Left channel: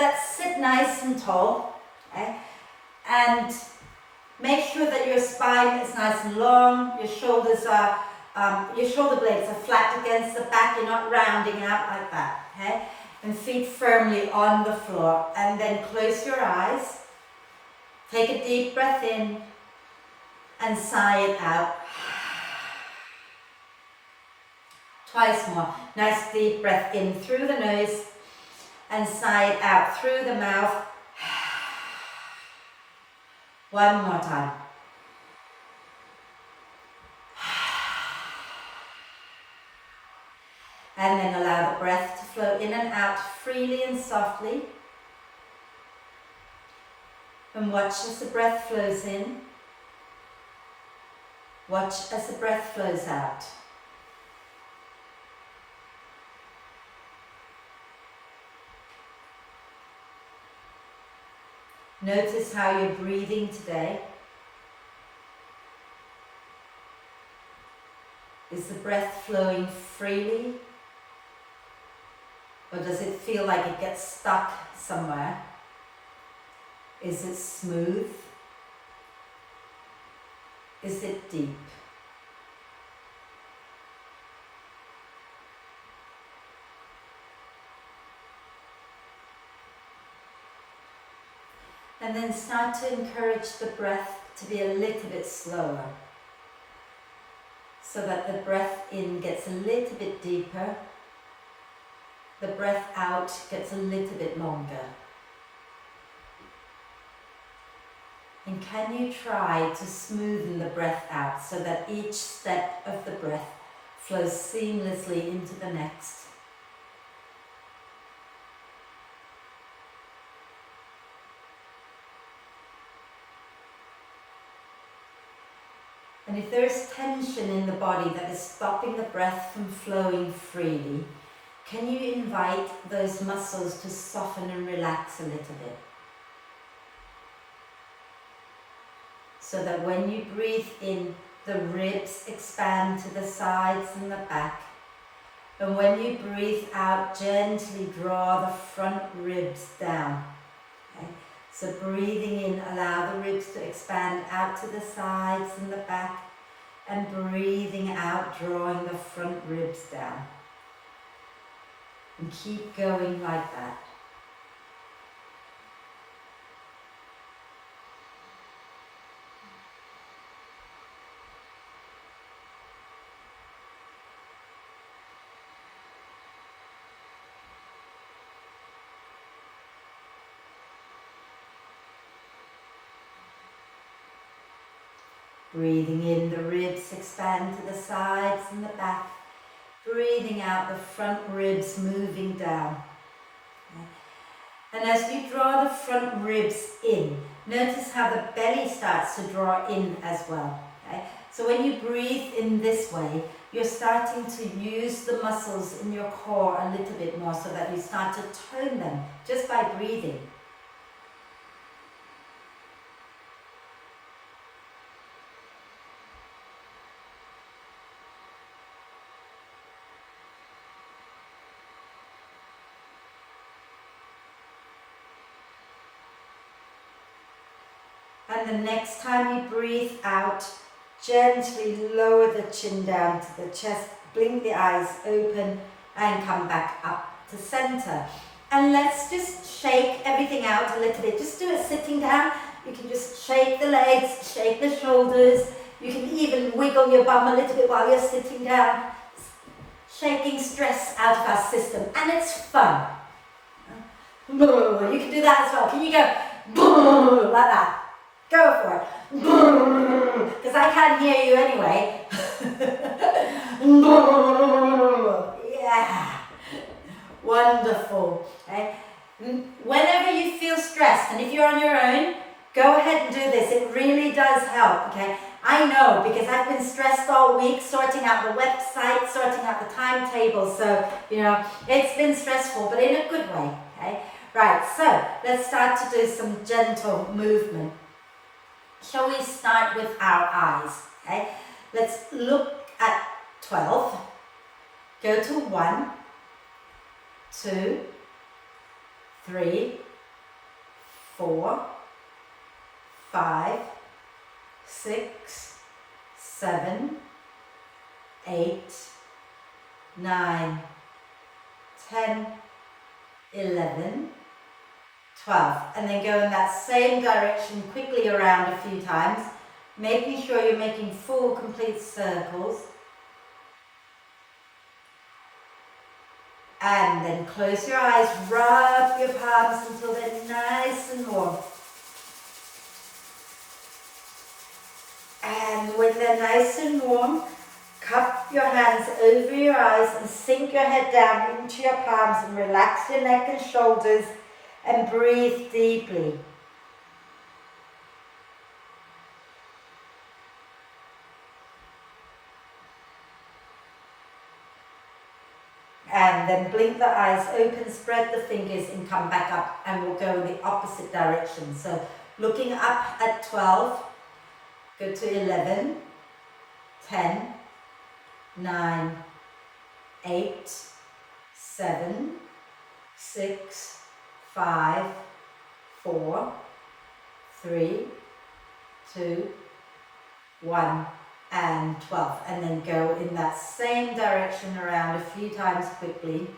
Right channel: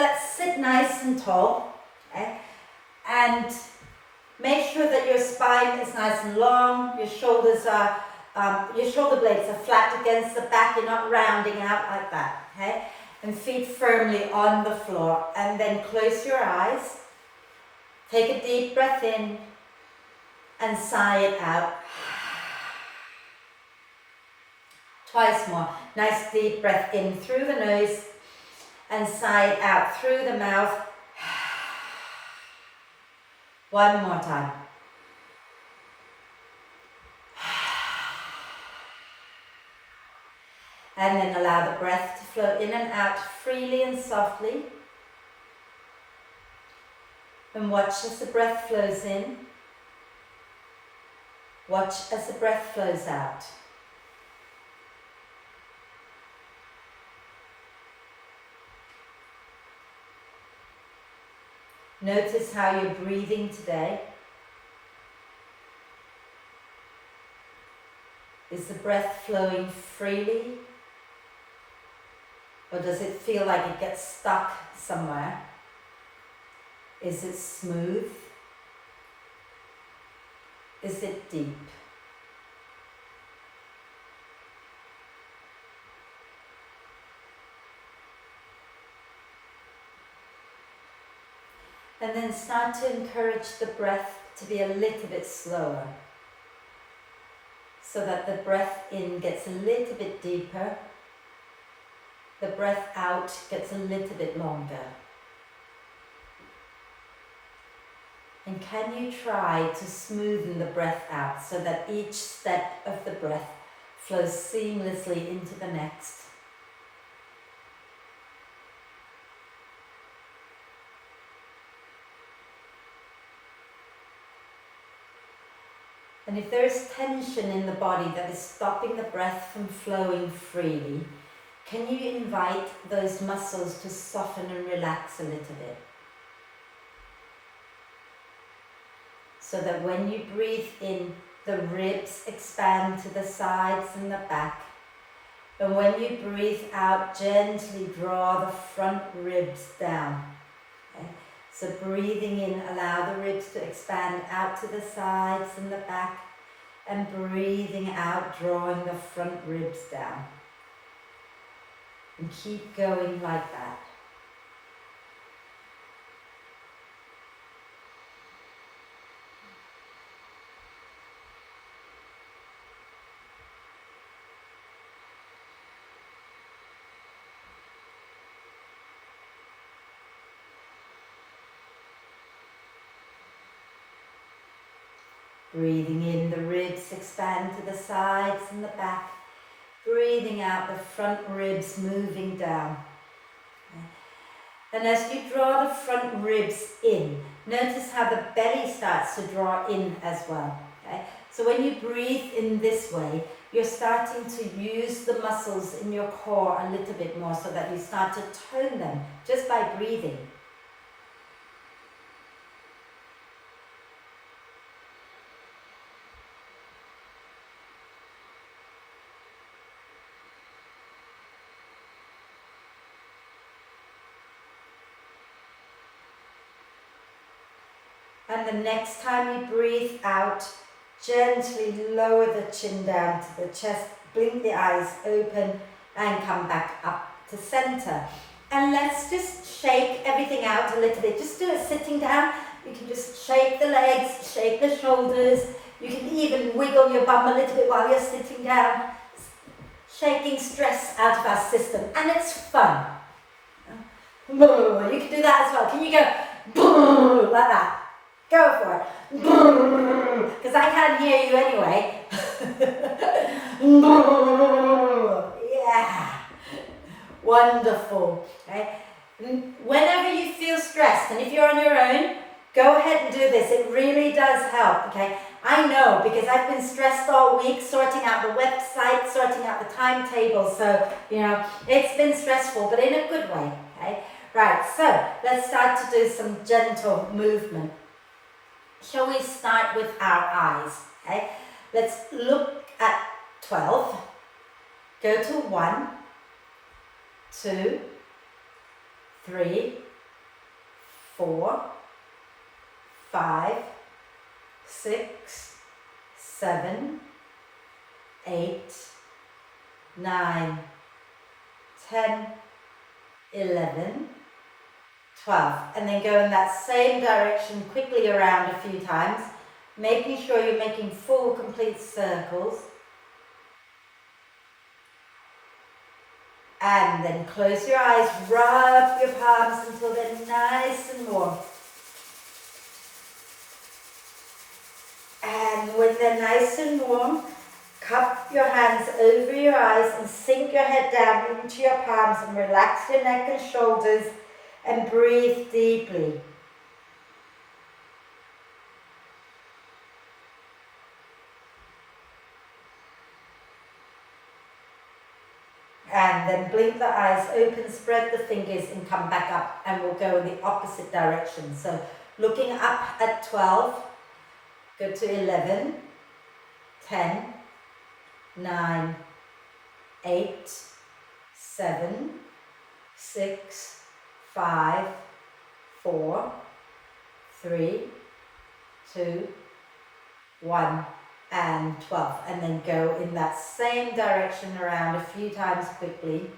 Let's sit nice and tall, okay? And make sure that your spine is nice and long, your shoulders are, your shoulder blades are flat against the back, you're not rounding out like that, okay? And feet firmly on the floor. And then close your eyes, take a deep breath in, and sigh it out. Twice more. Nice deep breath in through the nose and sigh it out through the mouth. One more time. And then allow the breath to flow in and out freely and softly. And watch as the breath flows in. Watch as the breath flows out. Notice how you're breathing today. Is the breath flowing freely? Or does it feel like it gets stuck somewhere? Is it smooth? Is it deep? And then start to encourage the breath to be a little bit slower, so that the breath in gets a little bit deeper, the breath out gets a little bit longer. And can you try to smoothen the breath out so that each step of the breath flows seamlessly into the next? And if there is tension in the body that is stopping the breath from flowing freely, can you invite those muscles to soften and relax a little bit? So that when you breathe in, the ribs expand to the sides and the back. And when you breathe out, gently draw the front ribs down. Okay? So breathing in, allow the ribs to expand out to the sides and the back. And breathing out, drawing the front ribs down. And keep going like that. Breathing in, the ribs expand to the sides and the back. Breathing out, the front ribs moving down. And as you draw the front ribs in, notice how the belly starts to draw in as well. Okay? So when you breathe in this way, you're starting to use the muscles in your core a little bit more, so that you start to tone them just by breathing. And the next time you breathe out, gently lower the chin down to the chest, blink the eyes open and come back up to center. And let's just shake everything out a little bit. Just do it sitting down. You can just shake the legs, shake the shoulders. You can even wiggle your bum a little bit while you're sitting down. Shaking stress out of our system. And it's fun. You can do that as well. Can you go like that? Go for it. Because I can't hear you anyway. Yeah. Wonderful. Okay. Whenever you feel stressed, and if you're on your own, go ahead and do this. It really does help. Okay. I know, because I've been stressed all week sorting out the website, sorting out the timetable. So, it's been stressful, but in a good way. Okay. Right. So let's start to do some gentle movement. Shall we start with our eyes? Okay, let's look at 12. Go to 1, 2, 3, 4, 5, 6, 7, 8, 9, 10, 11, 12. And then go in that same direction quickly around a few times, making sure you're making full, complete circles. And then close your eyes, rub your palms until they're nice and warm. And when they're nice and warm, cup your hands over your eyes and sink your head down into your palms and relax your neck and shoulders and breathe deeply. And then blink the eyes open, spread the fingers and come back up, and we'll go in the opposite direction. So looking up at 12, go to 11, 10, 9, 8, 7, 6, 5, 4, 3, 2, 1, and 12. And then go in that same direction around a few times quickly-ish.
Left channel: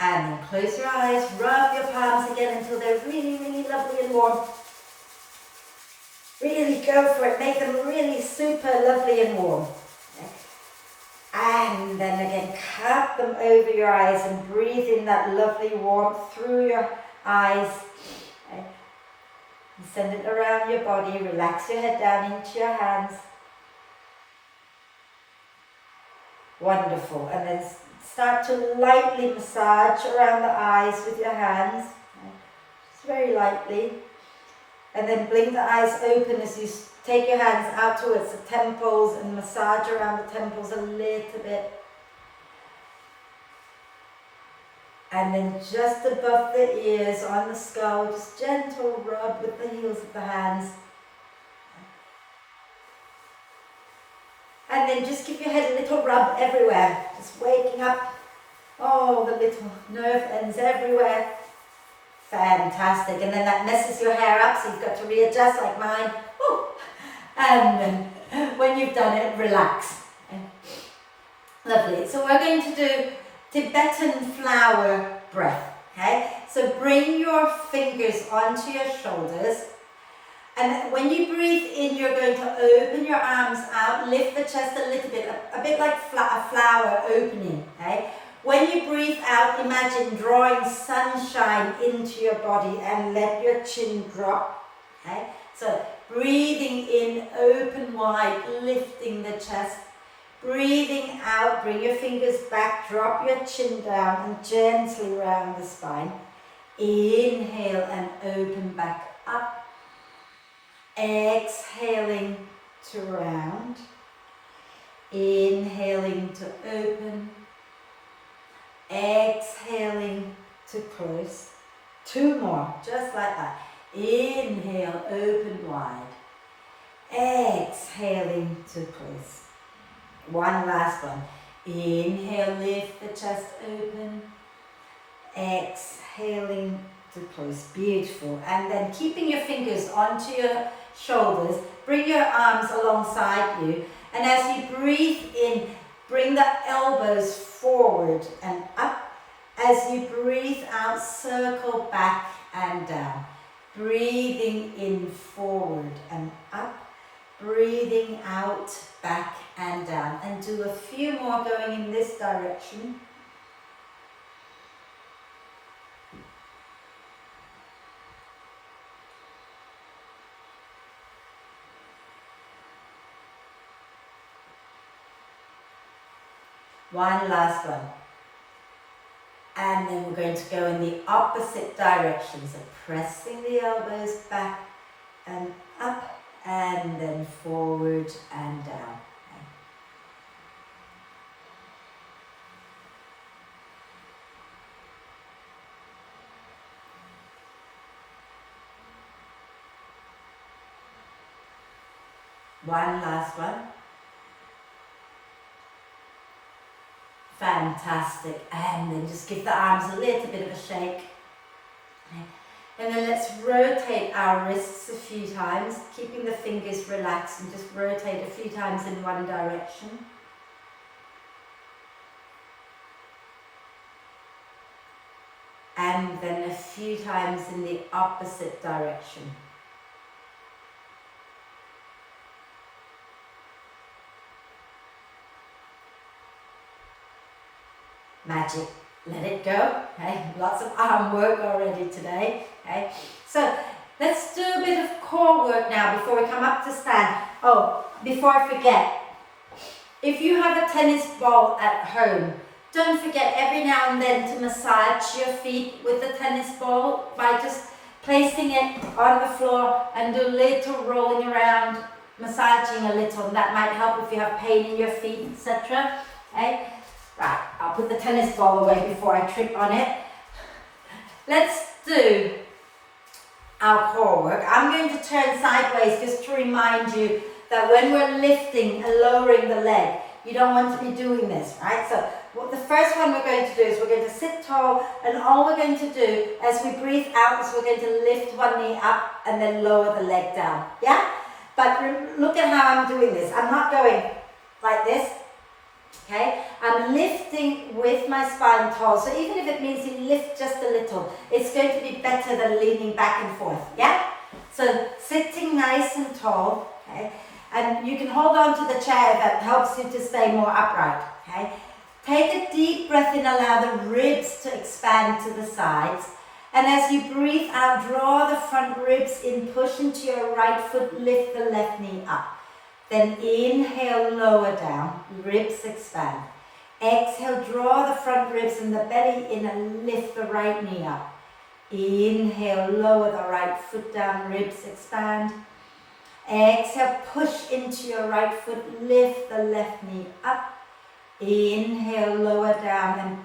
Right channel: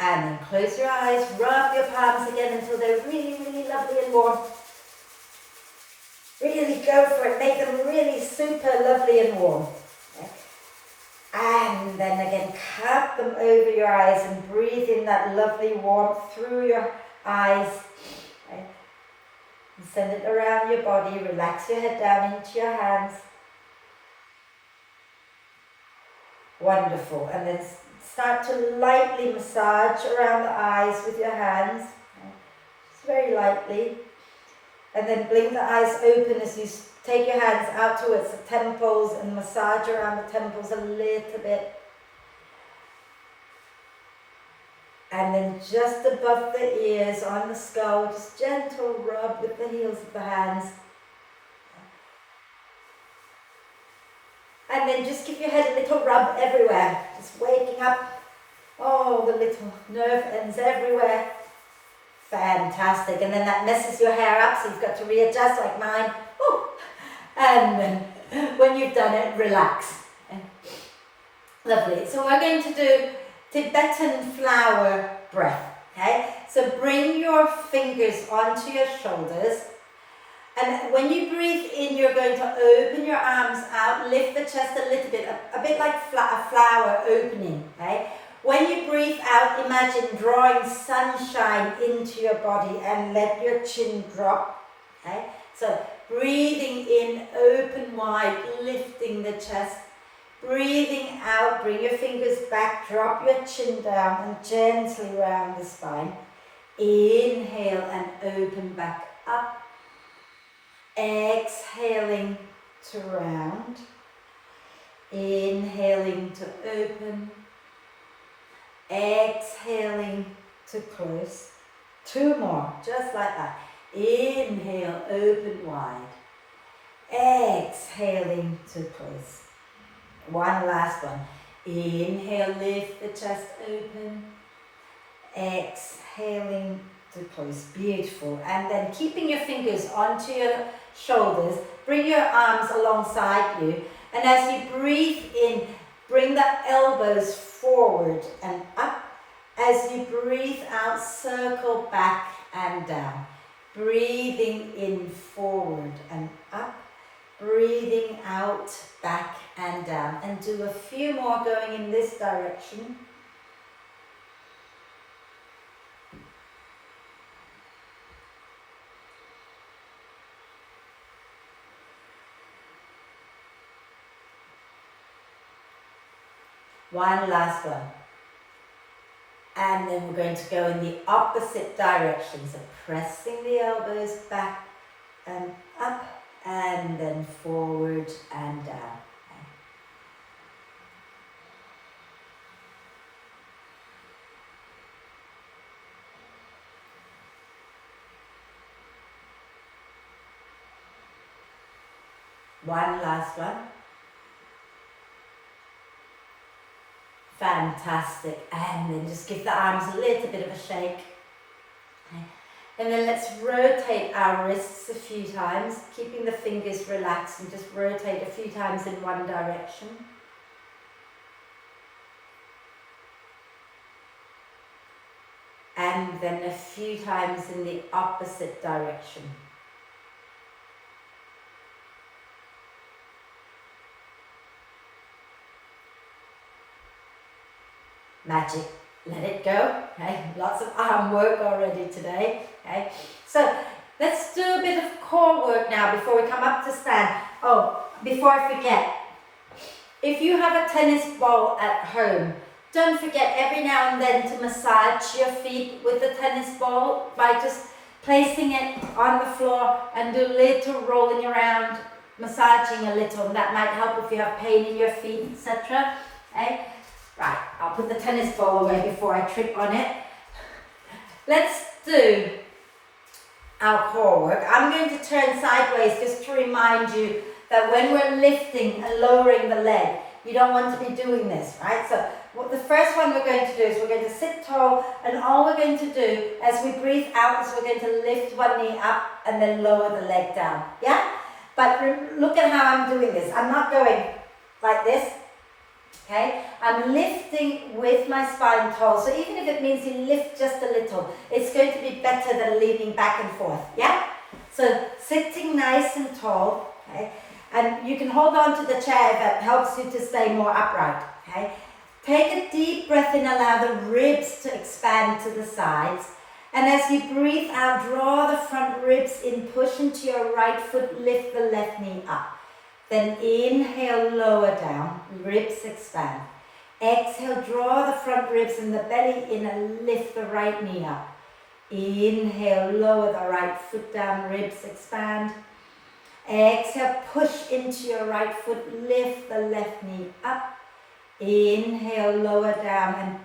And then close your eyes, rub your palms again until they're really, really lovely and warm. Really go for it, make them really super lovely and warm. Okay. And then again, cup them over your eyes and breathe in that lovely warmth through your eyes. Okay. And send it around your body, relax your head down into your hands. Wonderful. And then start to lightly massage around the eyes with your hands. Okay. Just very lightly. And then blink the eyes open as you take your hands out towards the temples and massage around the temples a little bit. And then just above the ears, on the skull, just gentle rub with the heels of the hands. And then just give your head a little rub everywhere, just waking up all the little nerve ends everywhere. Fantastic. And then that messes your hair up, so you've got to readjust like mine. Ooh. And then when you've done it, relax. Lovely. So we're going to do Tibetan flower breath. Okay? So bring your fingers onto your shoulders. And when you breathe in, you're going to open your arms out, lift the chest a little bit, a bit like a flower opening. Okay? When you breathe out, imagine drawing sunshine into your body and let your chin drop. Okay? So breathing in, open wide, lifting the chest. Breathing out, bring your fingers back, drop your chin down and gently round the spine. Inhale and open back up. Exhaling to round. Inhaling to open. Exhaling to close. 2 more, just like that. Inhale, open wide. Exhaling to close. 1 last one. Inhale, lift the chest open. Exhaling to close. Beautiful. And then keeping your fingers onto your shoulders, bring your arms alongside you. And as you breathe in, bring the elbows forward and up. As you breathe out, circle back and down. Breathing in, forward and up. Breathing out, back and down. And do a few more going in this direction. One last one. And then we're going to go in the opposite direction. So pressing the elbows back and up and then forward and down. One last one. Fantastic. And then just give the arms a little bit of a shake. Okay. And then let's rotate our wrists a few times, keeping the fingers relaxed, and just rotate a few times in one direction. And then a few times in the opposite direction. Magic. Let it go. Okay, lots of arm work already today. Okay, so let's do a bit of core work now before we come up to stand. Oh, before I forget, if you have a tennis ball at home, don't forget every now and then to massage your feet with the tennis ball by just placing it on the floor and do a little rolling around, massaging a little, and that might help if you have pain in your feet, etc. Okay. Right, I'll put the tennis ball away before I trip on it. Let's do our core work. I'm going to turn sideways just to remind you that when we're lifting and lowering the leg, you don't want to be doing this, right? So the first one we're going to do is we're going to sit tall, and all we're going to do as we breathe out is we're going to lift one knee up and then lower the leg down, yeah? But look at how I'm doing this. I'm not going like this. Okay, I'm lifting with my spine tall, so even if it means you lift just a little, it's going to be better than leaning back and forth, yeah? So sitting nice and tall, okay, and you can hold on to the chair if that helps you to stay more upright, okay? Take a deep breath in, allow the ribs to expand to the sides, and as you breathe out, draw the front ribs in, push into your right foot, lift the left knee up. Then inhale, lower down, ribs expand. Exhale, draw the front ribs and the belly in and lift the right knee up. Inhale, lower the right foot down, ribs expand. Exhale, push into your right foot, lift the left knee up. Inhale, lower down, and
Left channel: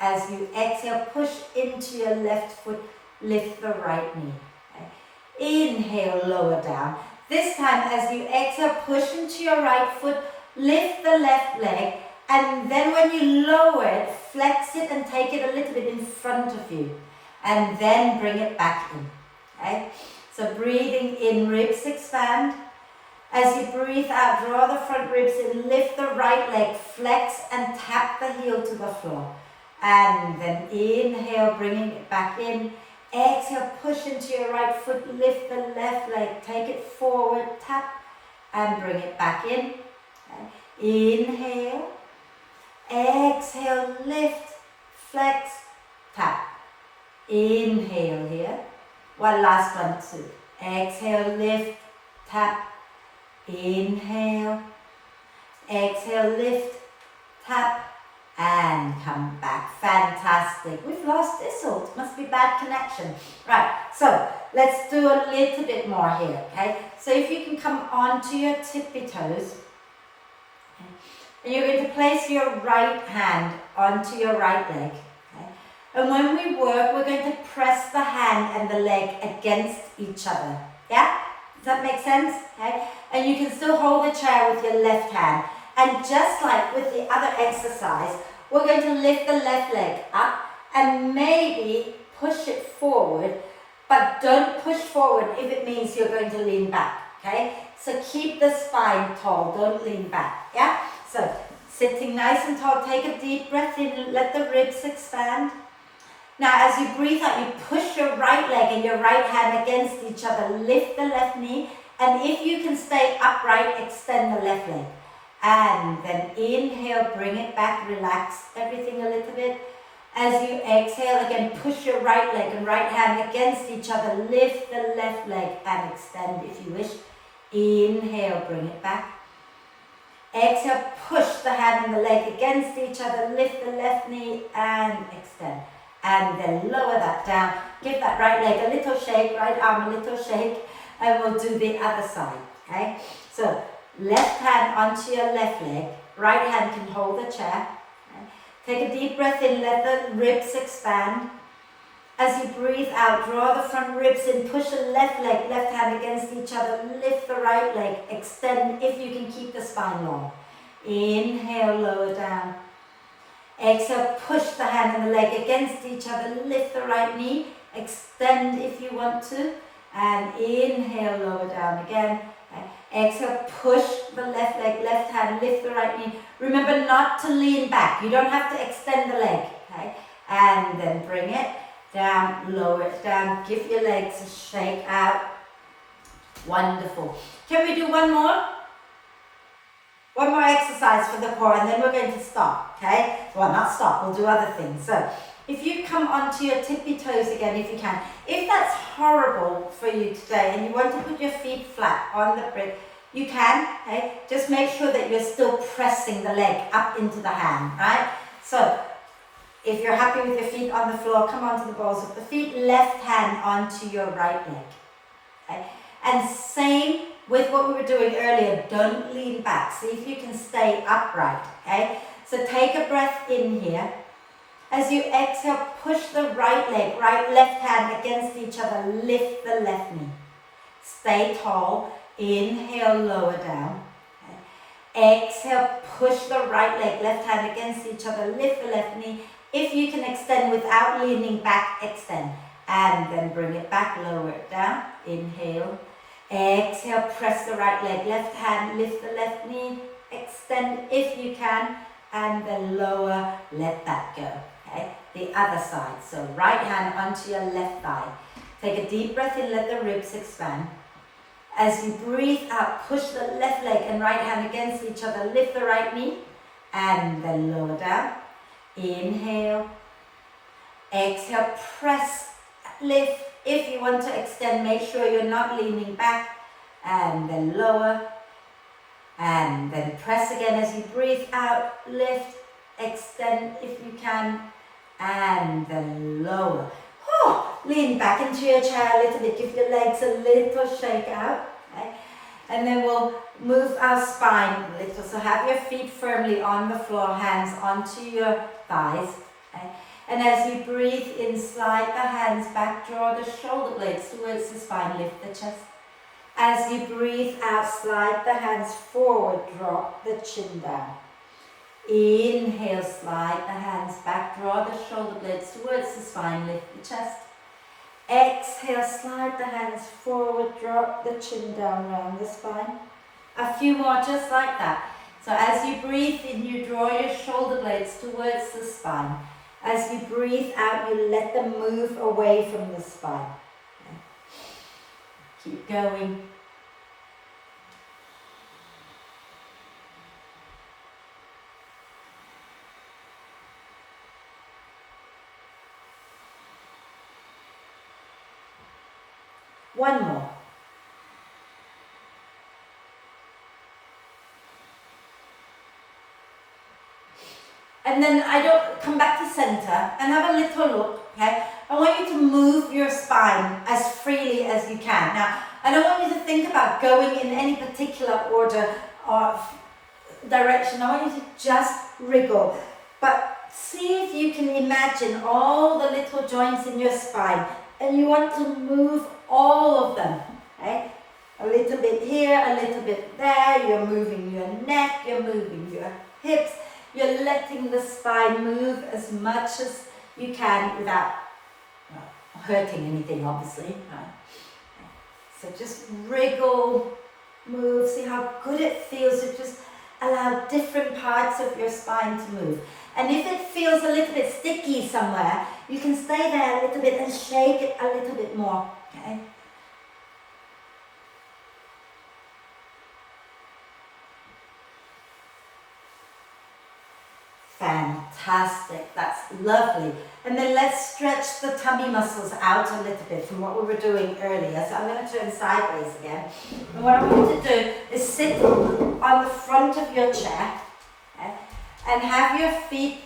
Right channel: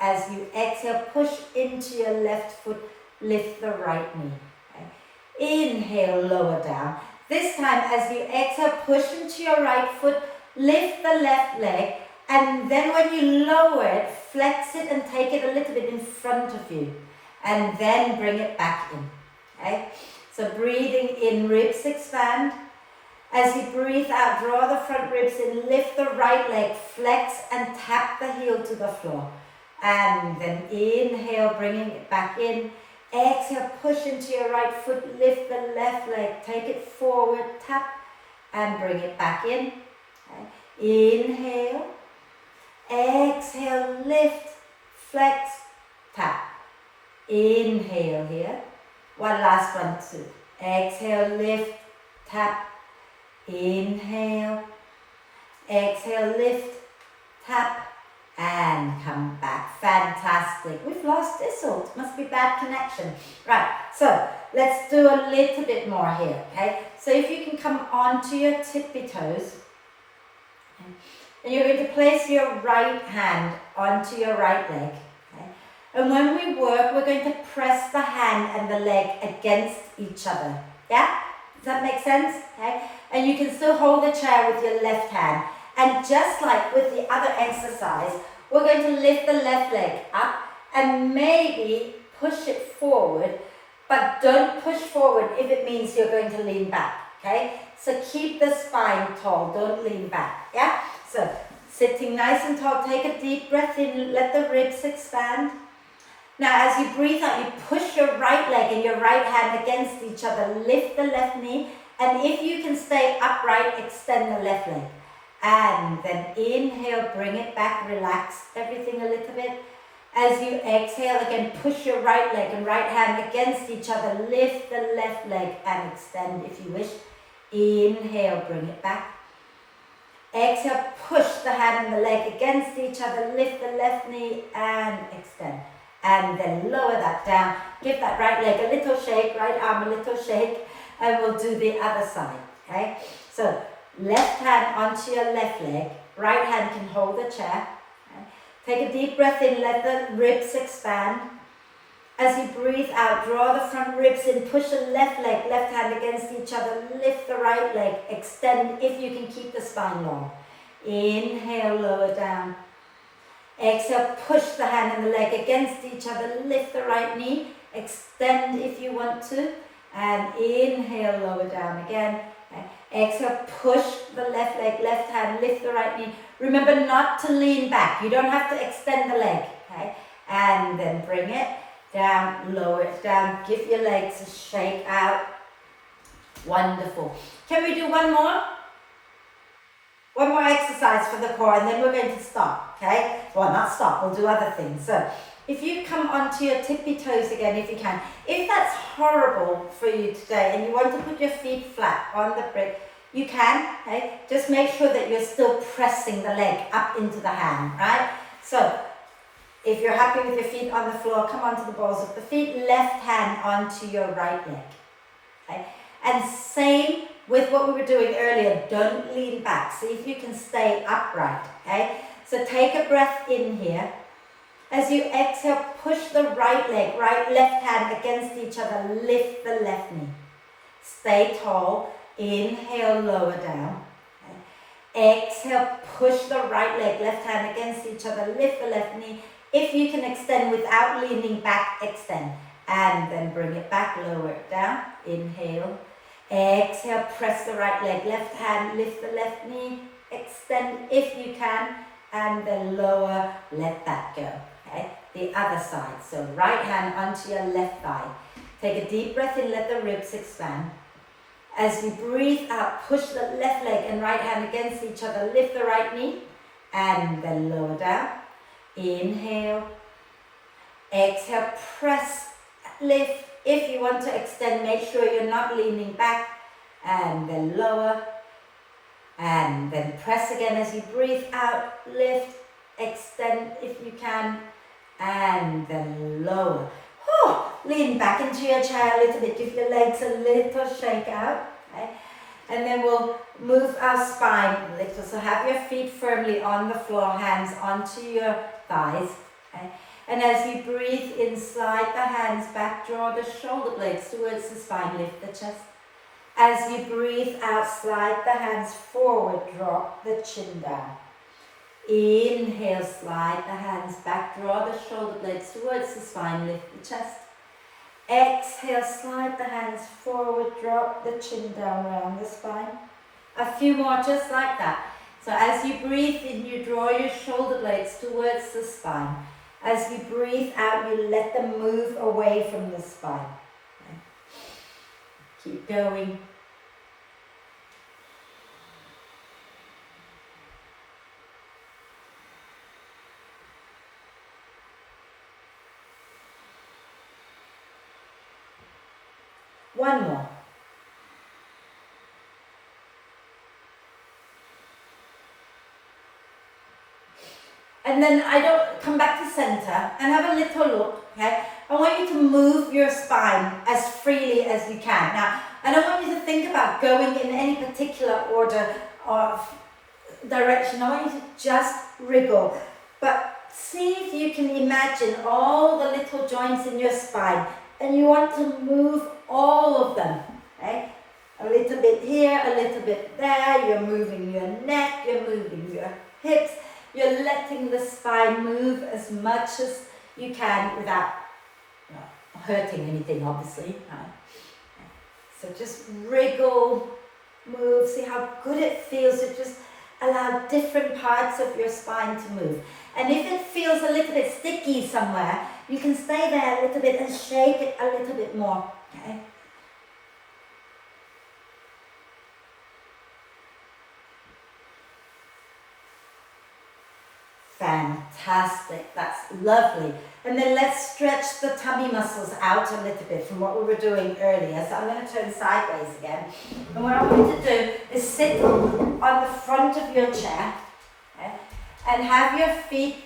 as you exhale, push into your left foot, lift the right knee. Okay. Inhale, lower down. This time, as you exhale, push into your right foot, lift the left leg, and then when you lower it, flex it and take it a little bit in front of you, and then bring it back in, okay? So breathing in, ribs expand. As you breathe out, draw the front ribs in, lift the right leg, flex and tap the heel to the floor. And then inhale, bringing it back in. Exhale, push into your right foot, lift the left leg, take it forward, tap, and bring it back in. Okay. Inhale, exhale, lift, flex, tap. Inhale here. One last one, two. Exhale, lift, tap. Inhale, exhale, lift, tap. And come back. Fantastic. We've lost Isolde. Must be bad connection. Right, so let's do a little bit more here, okay? So if you can come onto your tippy toes, okay? And you're going to place your right hand onto your right leg, okay? And when we work, we're going to press the hand and the leg against each other, yeah? Does that make sense? Okay? And you can still hold the chair with your left hand. And just like with the other exercise, we're going to lift the left leg up and maybe push it forward, but don't push forward if it means you're going to lean back, okay? So keep the spine tall, don't lean back, yeah? So sitting nice and tall, take a deep breath in, let the ribs expand. Now as you breathe out, you push your right leg and your right hand against each other, lift the left knee, and if you can stay upright, extend the left leg. And then inhale, bring it back, relax everything a little bit. As you exhale, again, push your right leg and right hand against each other. Lift the left leg and extend if you wish. Inhale, bring it back. Exhale, push the hand and the leg against each other. Lift the left knee and extend. And then lower that down. Give that right leg a little shake, right arm a little shake. And we'll do the other side, okay? So left hand onto your left leg, right hand can hold the chair. Okay. Take a deep breath in, let the ribs expand. As you breathe out, draw the front ribs in, push the left leg, left hand against each other, lift the right leg, extend if you can keep the spine long. Inhale, lower down. Exhale, push the hand and the leg against each other, lift the right knee, extend if you want to, and inhale, lower down again. Exhale, push the left leg, left hand, lift the right knee. Remember not to lean back. You don't have to extend the leg, okay? And then bring it down, lower it down. Give your legs a shake out. Wonderful. Can we do one more? One more exercise for the core, and then we're going to stop, okay? Well, not stop, we'll do other things. So, if you come onto your tippy toes again, if you can. If that's horrible for you today, and you want to put your feet flat on the brick, you can, okay? Just make sure that you're still pressing the leg up into the hand, right? So, if you're happy with your feet on the floor, come onto the balls of the feet, left hand onto your right leg, okay? And same with what we were doing earlier, don't lean back. See if you can stay upright, okay? So take a breath in here. As you exhale, push the right leg, left hand against each other, lift the left knee. Stay tall, inhale, lower down. Okay. Exhale, push the right leg, left hand against each other, lift the left knee. If you can extend without leaning back, extend. And then bring it back, lower it down, inhale. Exhale, press the right leg, left hand, lift the left knee, extend if you can, and then lower, let that go, okay? The other side, so right hand onto your left thigh. Take a deep breath in, let the ribs expand. As you breathe out, push the left leg and right hand against each other, lift the right knee, and then lower down. Inhale, exhale, press, lift. If you want to extend, make sure you're not leaning back, and then lower, and then press again as you breathe out, lift, extend if you can, and then lower. Lean back into your chair a little bit, give your legs a little shake out, okay? And then we'll move our spine a little, so have your feet firmly on the floor, hands onto your thighs, okay? And as you breathe in, slide the hands back, draw the shoulder blades towards the spine, lift the chest. As you breathe out, slide the hands forward, drop the chin down. Inhale, slide the hands back, draw the shoulder blades towards the spine, lift the chest. Exhale, slide the hands forward, drop the chin down around the spine. A few more just like that. So as you breathe in, you draw your shoulder blades towards the spine. As you breathe out, you let them move away from the spine. Okay. Keep going. One more. And then come back to center and have a little look, okay? I want you to move your spine as freely as you can. Now, I don't want you to think about going in any particular order or direction. I want you to just wriggle. But see if you can imagine all the little joints in your spine, and you want to move all of them, okay? A little bit here, a little bit there. You're moving your neck, you're moving your hips. You're letting the spine move as much as you can without hurting anything, obviously. Right? So just wriggle, move, see how good it feels to just allow different parts of your spine to move. And if it feels a little bit sticky somewhere, you can stay there a little bit and shake it a little bit more. Okay? Fantastic, that's lovely. And then let's stretch the tummy muscles out a little bit from what we were doing earlier. So I'm going to turn sideways again. And what I want you to do is sit on the front of your chair, okay, and have your feet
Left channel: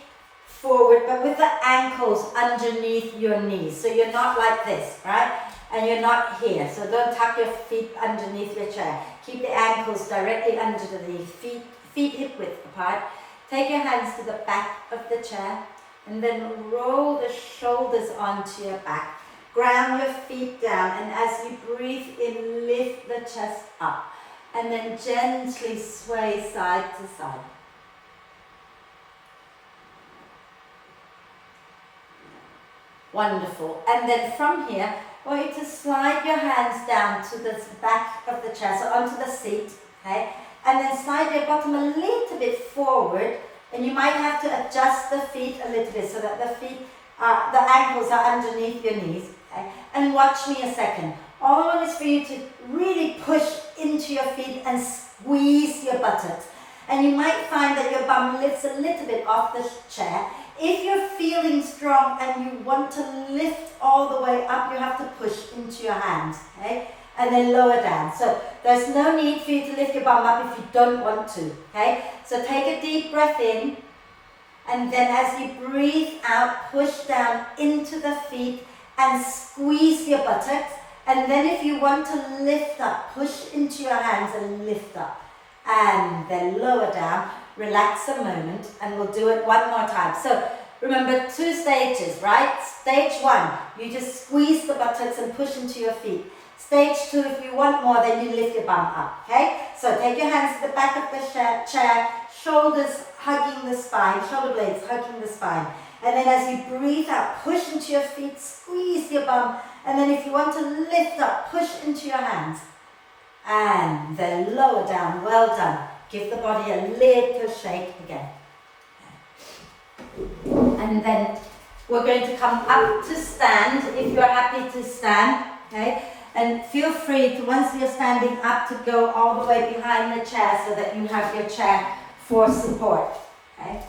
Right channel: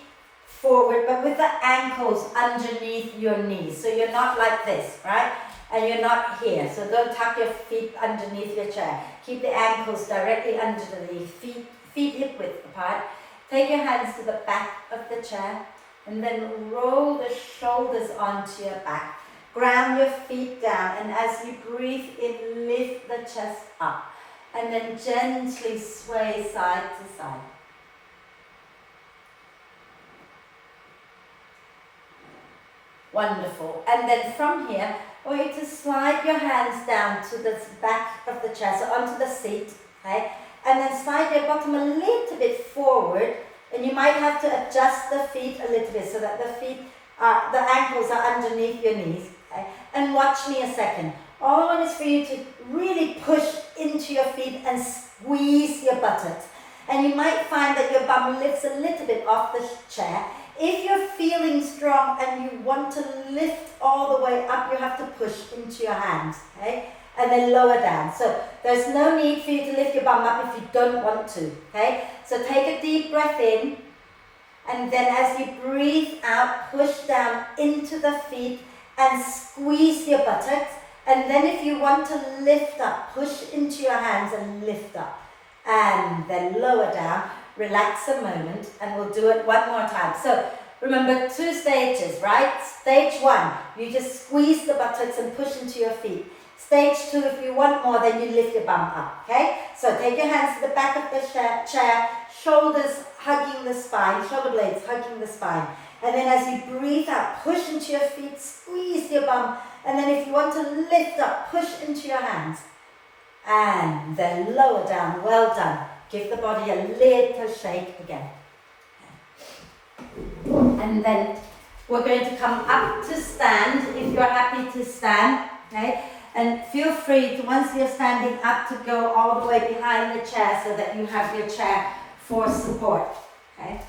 forward, but with the ankles underneath your knees. So you're not like this, right? And you're not here. So don't tuck your feet underneath your chair. Keep the ankles directly under the feet hip width apart. Take your hands to the back of the chair and then roll the shoulders onto your back. Ground your feet down, and as you breathe in, lift the chest up and then gently sway side to side. Wonderful. And then from here, I want you to slide your hands down to the back of the chair, so onto the seat, okay? And then slide your bottom a little bit forward, and you might have to adjust the feet a little bit so that the ankles are underneath your knees, okay? And watch me a second. All I want is for you to really push into your feet and squeeze your buttocks. And you might find that your bum lifts a little bit off the chair. If you're feeling strong and you want to lift all the way up, you have to push into your hands, okay? And then lower down. So there's no need for you to lift your bum up if you don't want to, okay? So take a deep breath in, and then as you breathe out, push down into the feet and squeeze your buttocks. And then if you want to lift up, push into your hands and lift up. And then lower down, relax a moment, and we'll do it one more time. So remember 2 stages, right? Stage 1, you just squeeze the buttocks and push into your feet. Stage 2, if you want more, then you lift your bum up, okay? So take your hands to the back of the chair, shoulders hugging the spine, shoulder blades hugging the spine. And then as you breathe out, push into your feet, squeeze your bum, and then if you want to lift up, push into your hands. And then lower down, well done. Give the body a little shake again. And then we're going to come up to stand, if you're happy to stand, okay? And feel free to, once you're standing up, to go all the way behind the chair so that you have your chair for support, okay?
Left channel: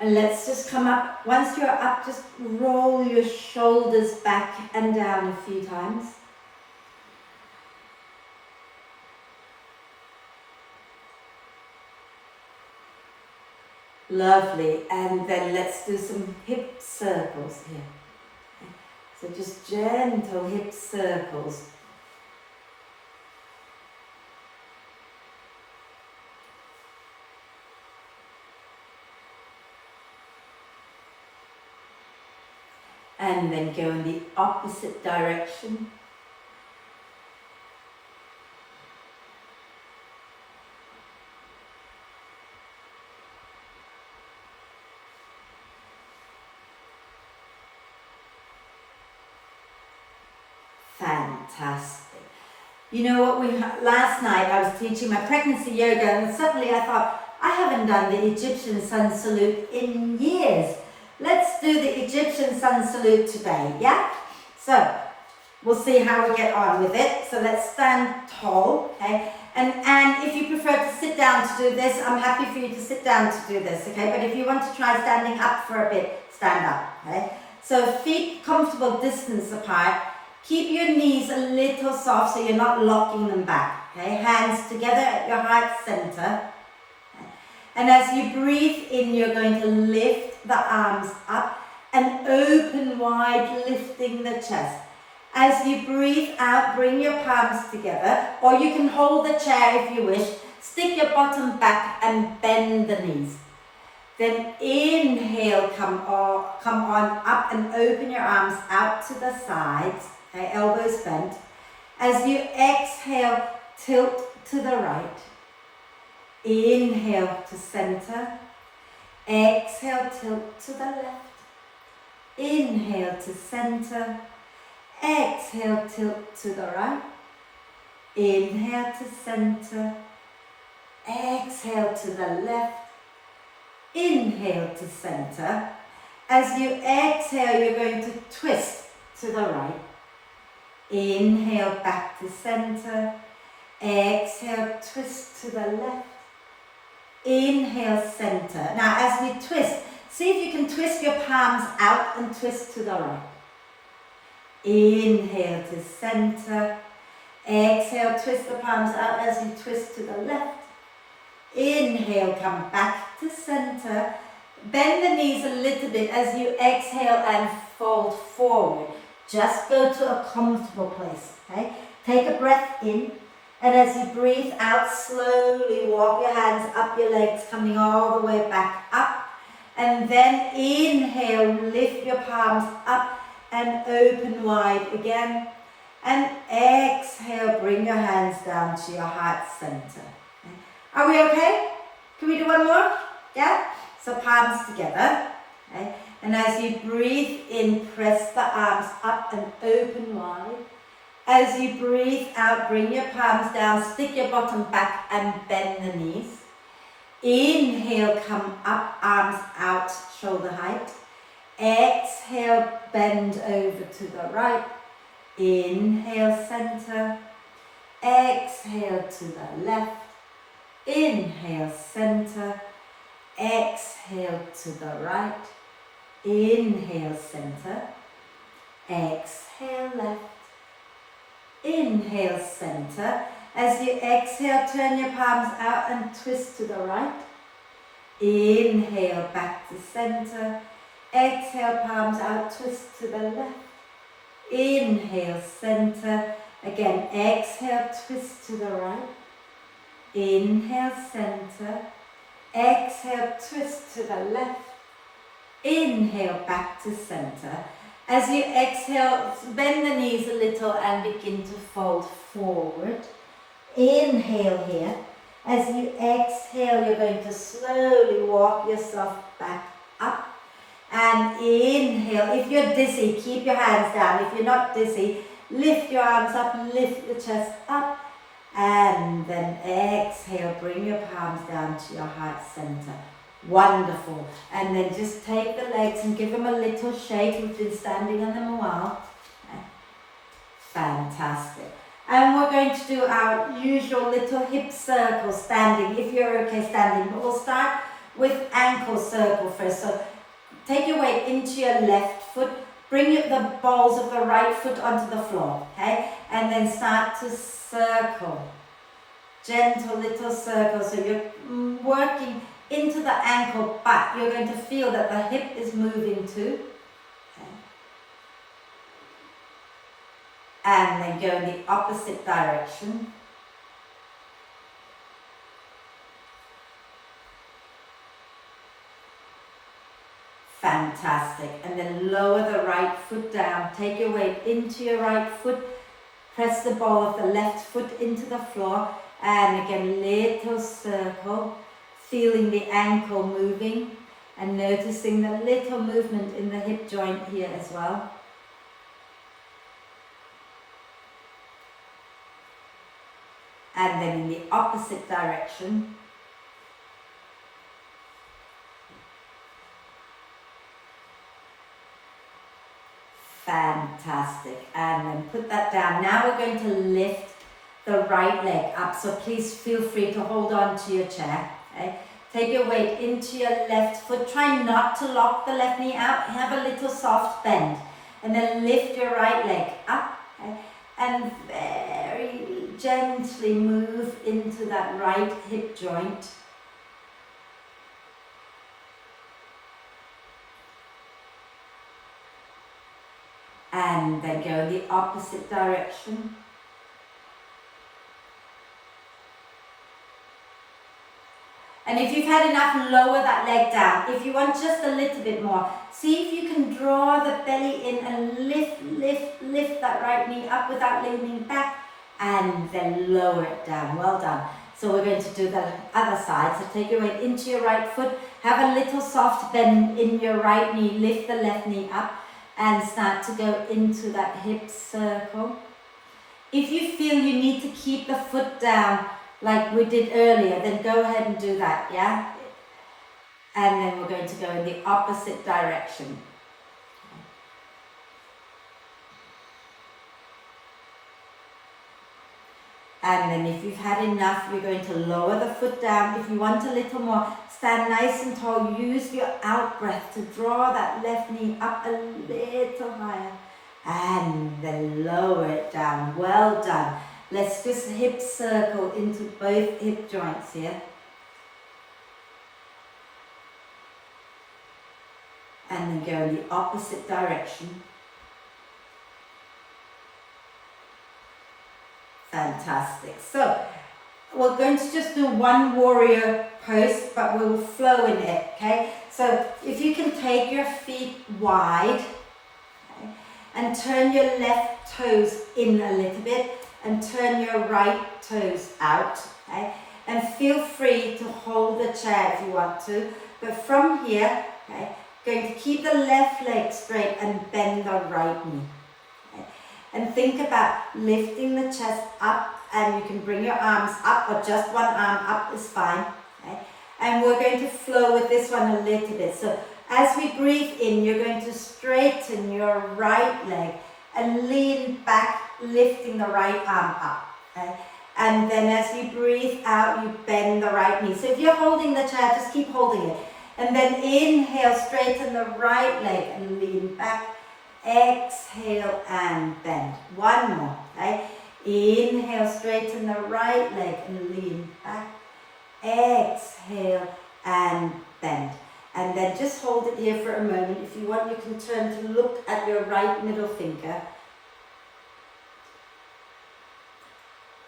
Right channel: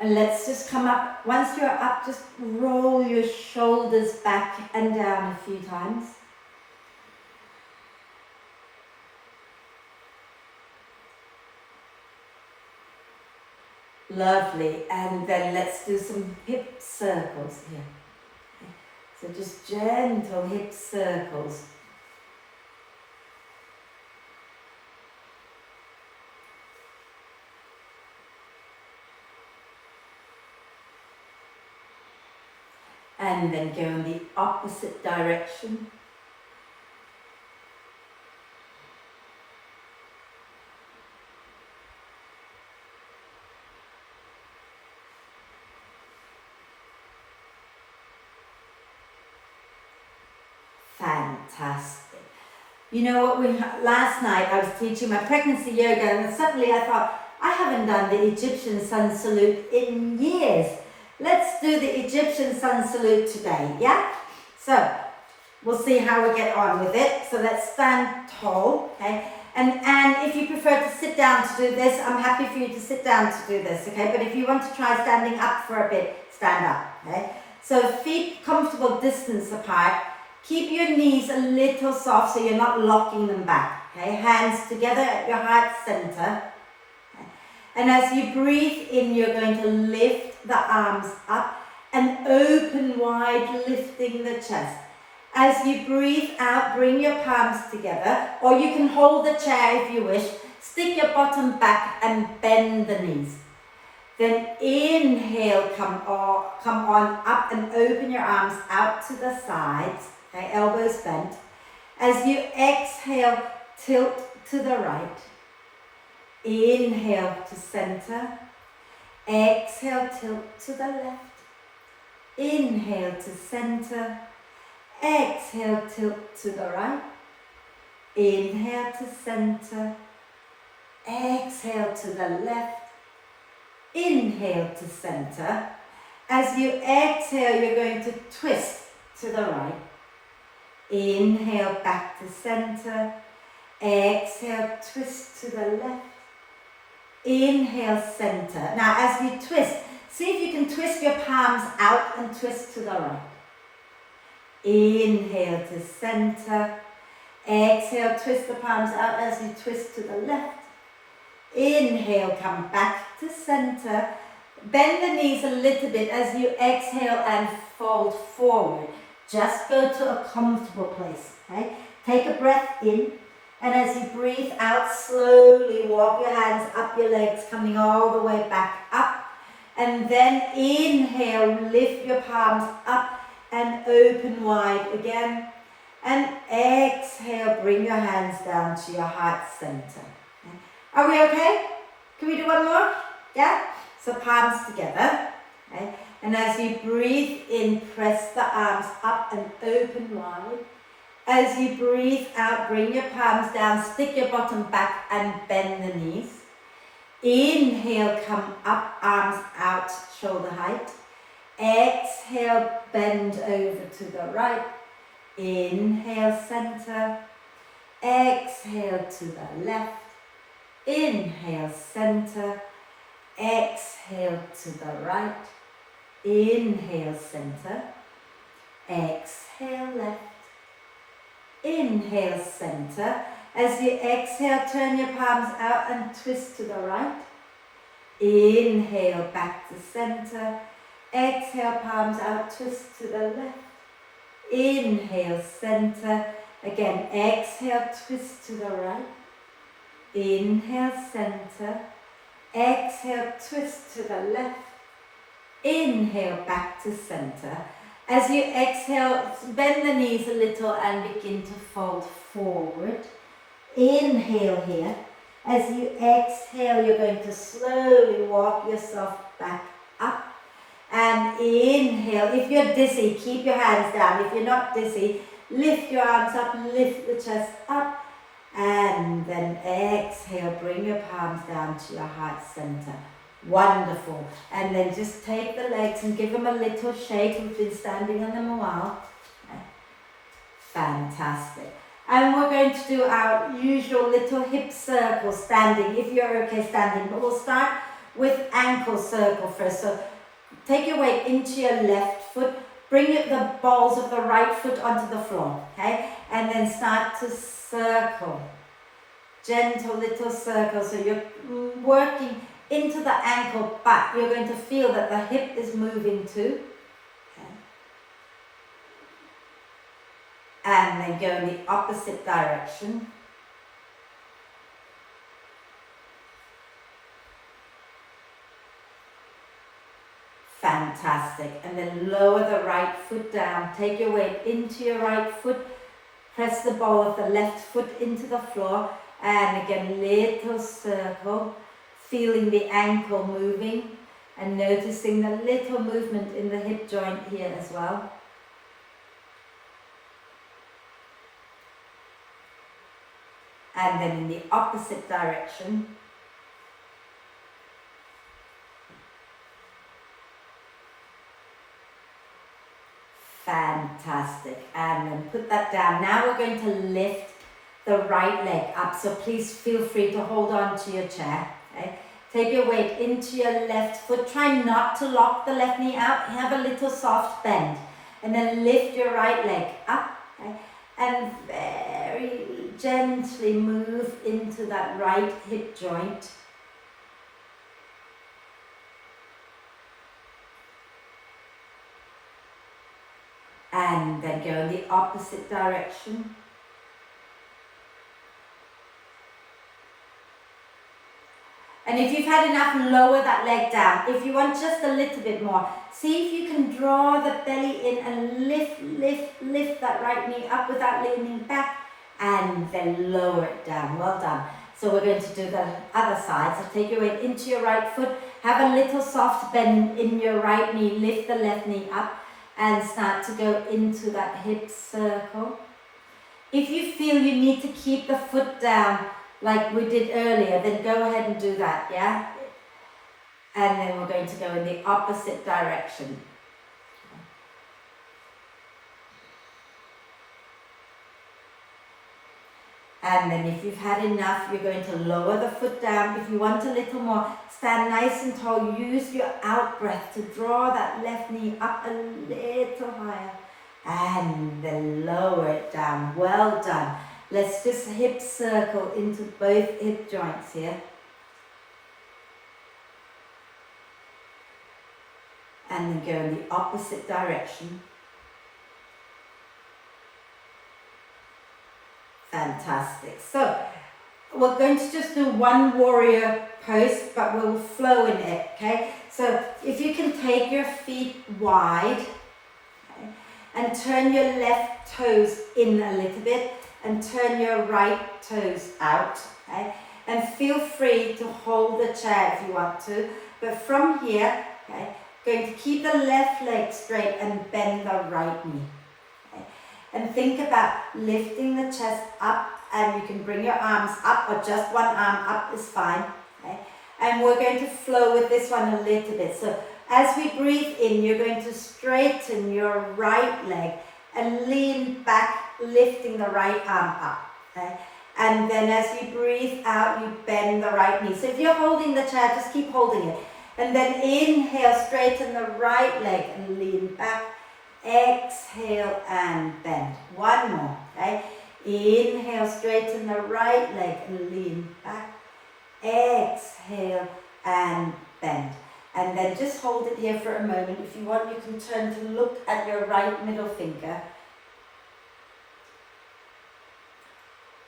And let's just come up. Once you're up, just roll your shoulders back and down a few times. Lovely, and then let's do some hip circles here. So just gentle hip circles. And then go in the opposite direction. Fantastic. You know what, last night I was teaching my pregnancy yoga, and suddenly I thought, I haven't done the Egyptian sun salute in years. Let's do the Egyptian sun salute today, yeah? So, we'll see how we get on with it. So let's stand tall, okay? And if you prefer to sit down to do this, I'm happy for you to sit down to do this, okay? But if you want to try standing up for a bit, stand up, okay? So feet comfortable distance apart. Keep your knees a little soft so you're not locking them back, okay? Hands together at your heart center. Okay? And as you breathe in, you're going to lift the arms up and open wide, lifting the chest. As you breathe out, bring your palms together, or you can hold the chair if you wish. Stick your bottom back and bend the knees. Then inhale, come on up and open your arms out to the sides. Okay, elbows bent. As you exhale, tilt to the right. Inhale to center. Exhale, tilt to the left. Inhale to center. Exhale, tilt to the right. Inhale to center. Exhale to the left. Inhale to center. As you exhale, you're going to twist to the right. Inhale back to center. Exhale, twist to the left. Inhale, center. Now as you twist, see if you can twist your palms out and twist to the right. Inhale to center. Exhale, twist the palms out as you twist to the left. Inhale, come back to center. Bend the knees a little bit as you exhale and fold forward. Just go to a comfortable place, okay? Take a breath in, and as you breathe out, slowly walk your hands up your legs, coming all the way back up. And then inhale, lift your palms up and open wide again. And exhale, bring your hands down to your heart center. Okay? Are we okay? Can we do one more? Yeah? So palms together. Okay? And as you breathe in, press the arms up and open wide. As you breathe out, bring your palms down, stick your bottom back and bend the knees. Inhale, come up, arms out, shoulder height. Exhale, bend over to the right. Inhale, center. Exhale to the left. Inhale, center. Exhale to the right. Inhale, center. Exhale, left. Inhale, center. As you exhale, turn your palms out and twist to the right. Inhale, back to center. Exhale, palms out, twist to the left. Inhale, center. Again, exhale, twist to the right. Inhale, center. Exhale, twist to the left. Inhale, back to center. As you exhale, bend the knees a little and begin to fold forward. Inhale here. As you exhale, you're going to slowly walk yourself back up. And inhale. If you're dizzy, keep your hands down. If you're not dizzy, lift your arms up, lift the chest up. And then exhale, bring your palms down to your heart center. Wonderful. And then just take the legs and give them a little shake. We've been standing on them a while. Fantastic. And we're going to do our usual little hip circle standing, if you're okay standing. But we'll start with ankle circle first. So take your weight into your left foot. Bring the balls of the right foot onto the floor. Okay? And then start to circle. Gentle little circle. So you're working into the ankle, but you're going to feel that the hip is moving too. Okay. And then go in the opposite direction. Fantastic. And then lower the right foot down. Take your weight into your right foot. Press the ball of the left foot into the floor. And again, little circle. Feeling the ankle moving and noticing the little movement in the hip joint here as well. And then in the opposite direction. Fantastic. And then put that down. Now we're going to lift the right leg up. So please feel free to hold on to your chair. Okay. Take your weight into your left foot. Try not to lock the left knee out. Have a little soft bend. And then lift your right leg up. Okay. And very gently move into that right hip joint. And then go in the opposite direction. And if you've had enough, lower that leg down. If you want just a little bit more, see if you can draw the belly in and lift that right knee up without leaning back, and then lower it down. Well done. So we're going to do the other side. So take your weight into your right foot, have a little soft bend in your right knee, lift the left knee up, and start to go into that hip circle. If you feel you need to keep the foot down, like we did earlier, then go ahead and do that, yeah? And then we're going to go in the opposite direction. And then if you've had enough, you're going to lower the foot down. If you want a little more, stand nice and tall. Use your out breath to draw that left knee up a little higher. And then lower it down. Well done. Let's just hip circle into both hip joints here. And then go in the opposite direction. Fantastic. So we're going to just do one warrior pose, but we'll flow in it, okay? So if you can take your feet wide, okay, and turn your left toes in a little bit, and turn your right toes out, okay? And feel free to hold the chair if you want to, but from here, okay, Going to keep the left leg straight and bend the right knee. Okay? And think about lifting the chest up, and you can bring your arms up, or just one arm up is fine. Okay? And we're going to flow with this one a little bit. So as we breathe in, you're going to straighten your right leg and lean back, lifting the right arm up. Okay? And then as you breathe out, you bend the right knee. So if you're holding the chair, just keep holding it. And then inhale, straighten the right leg and lean back. Exhale and bend. One more. Okay? Inhale, straighten the right leg and lean back. Exhale and bend. And then just hold it here for a moment. If you want, you can turn to look at your right middle finger.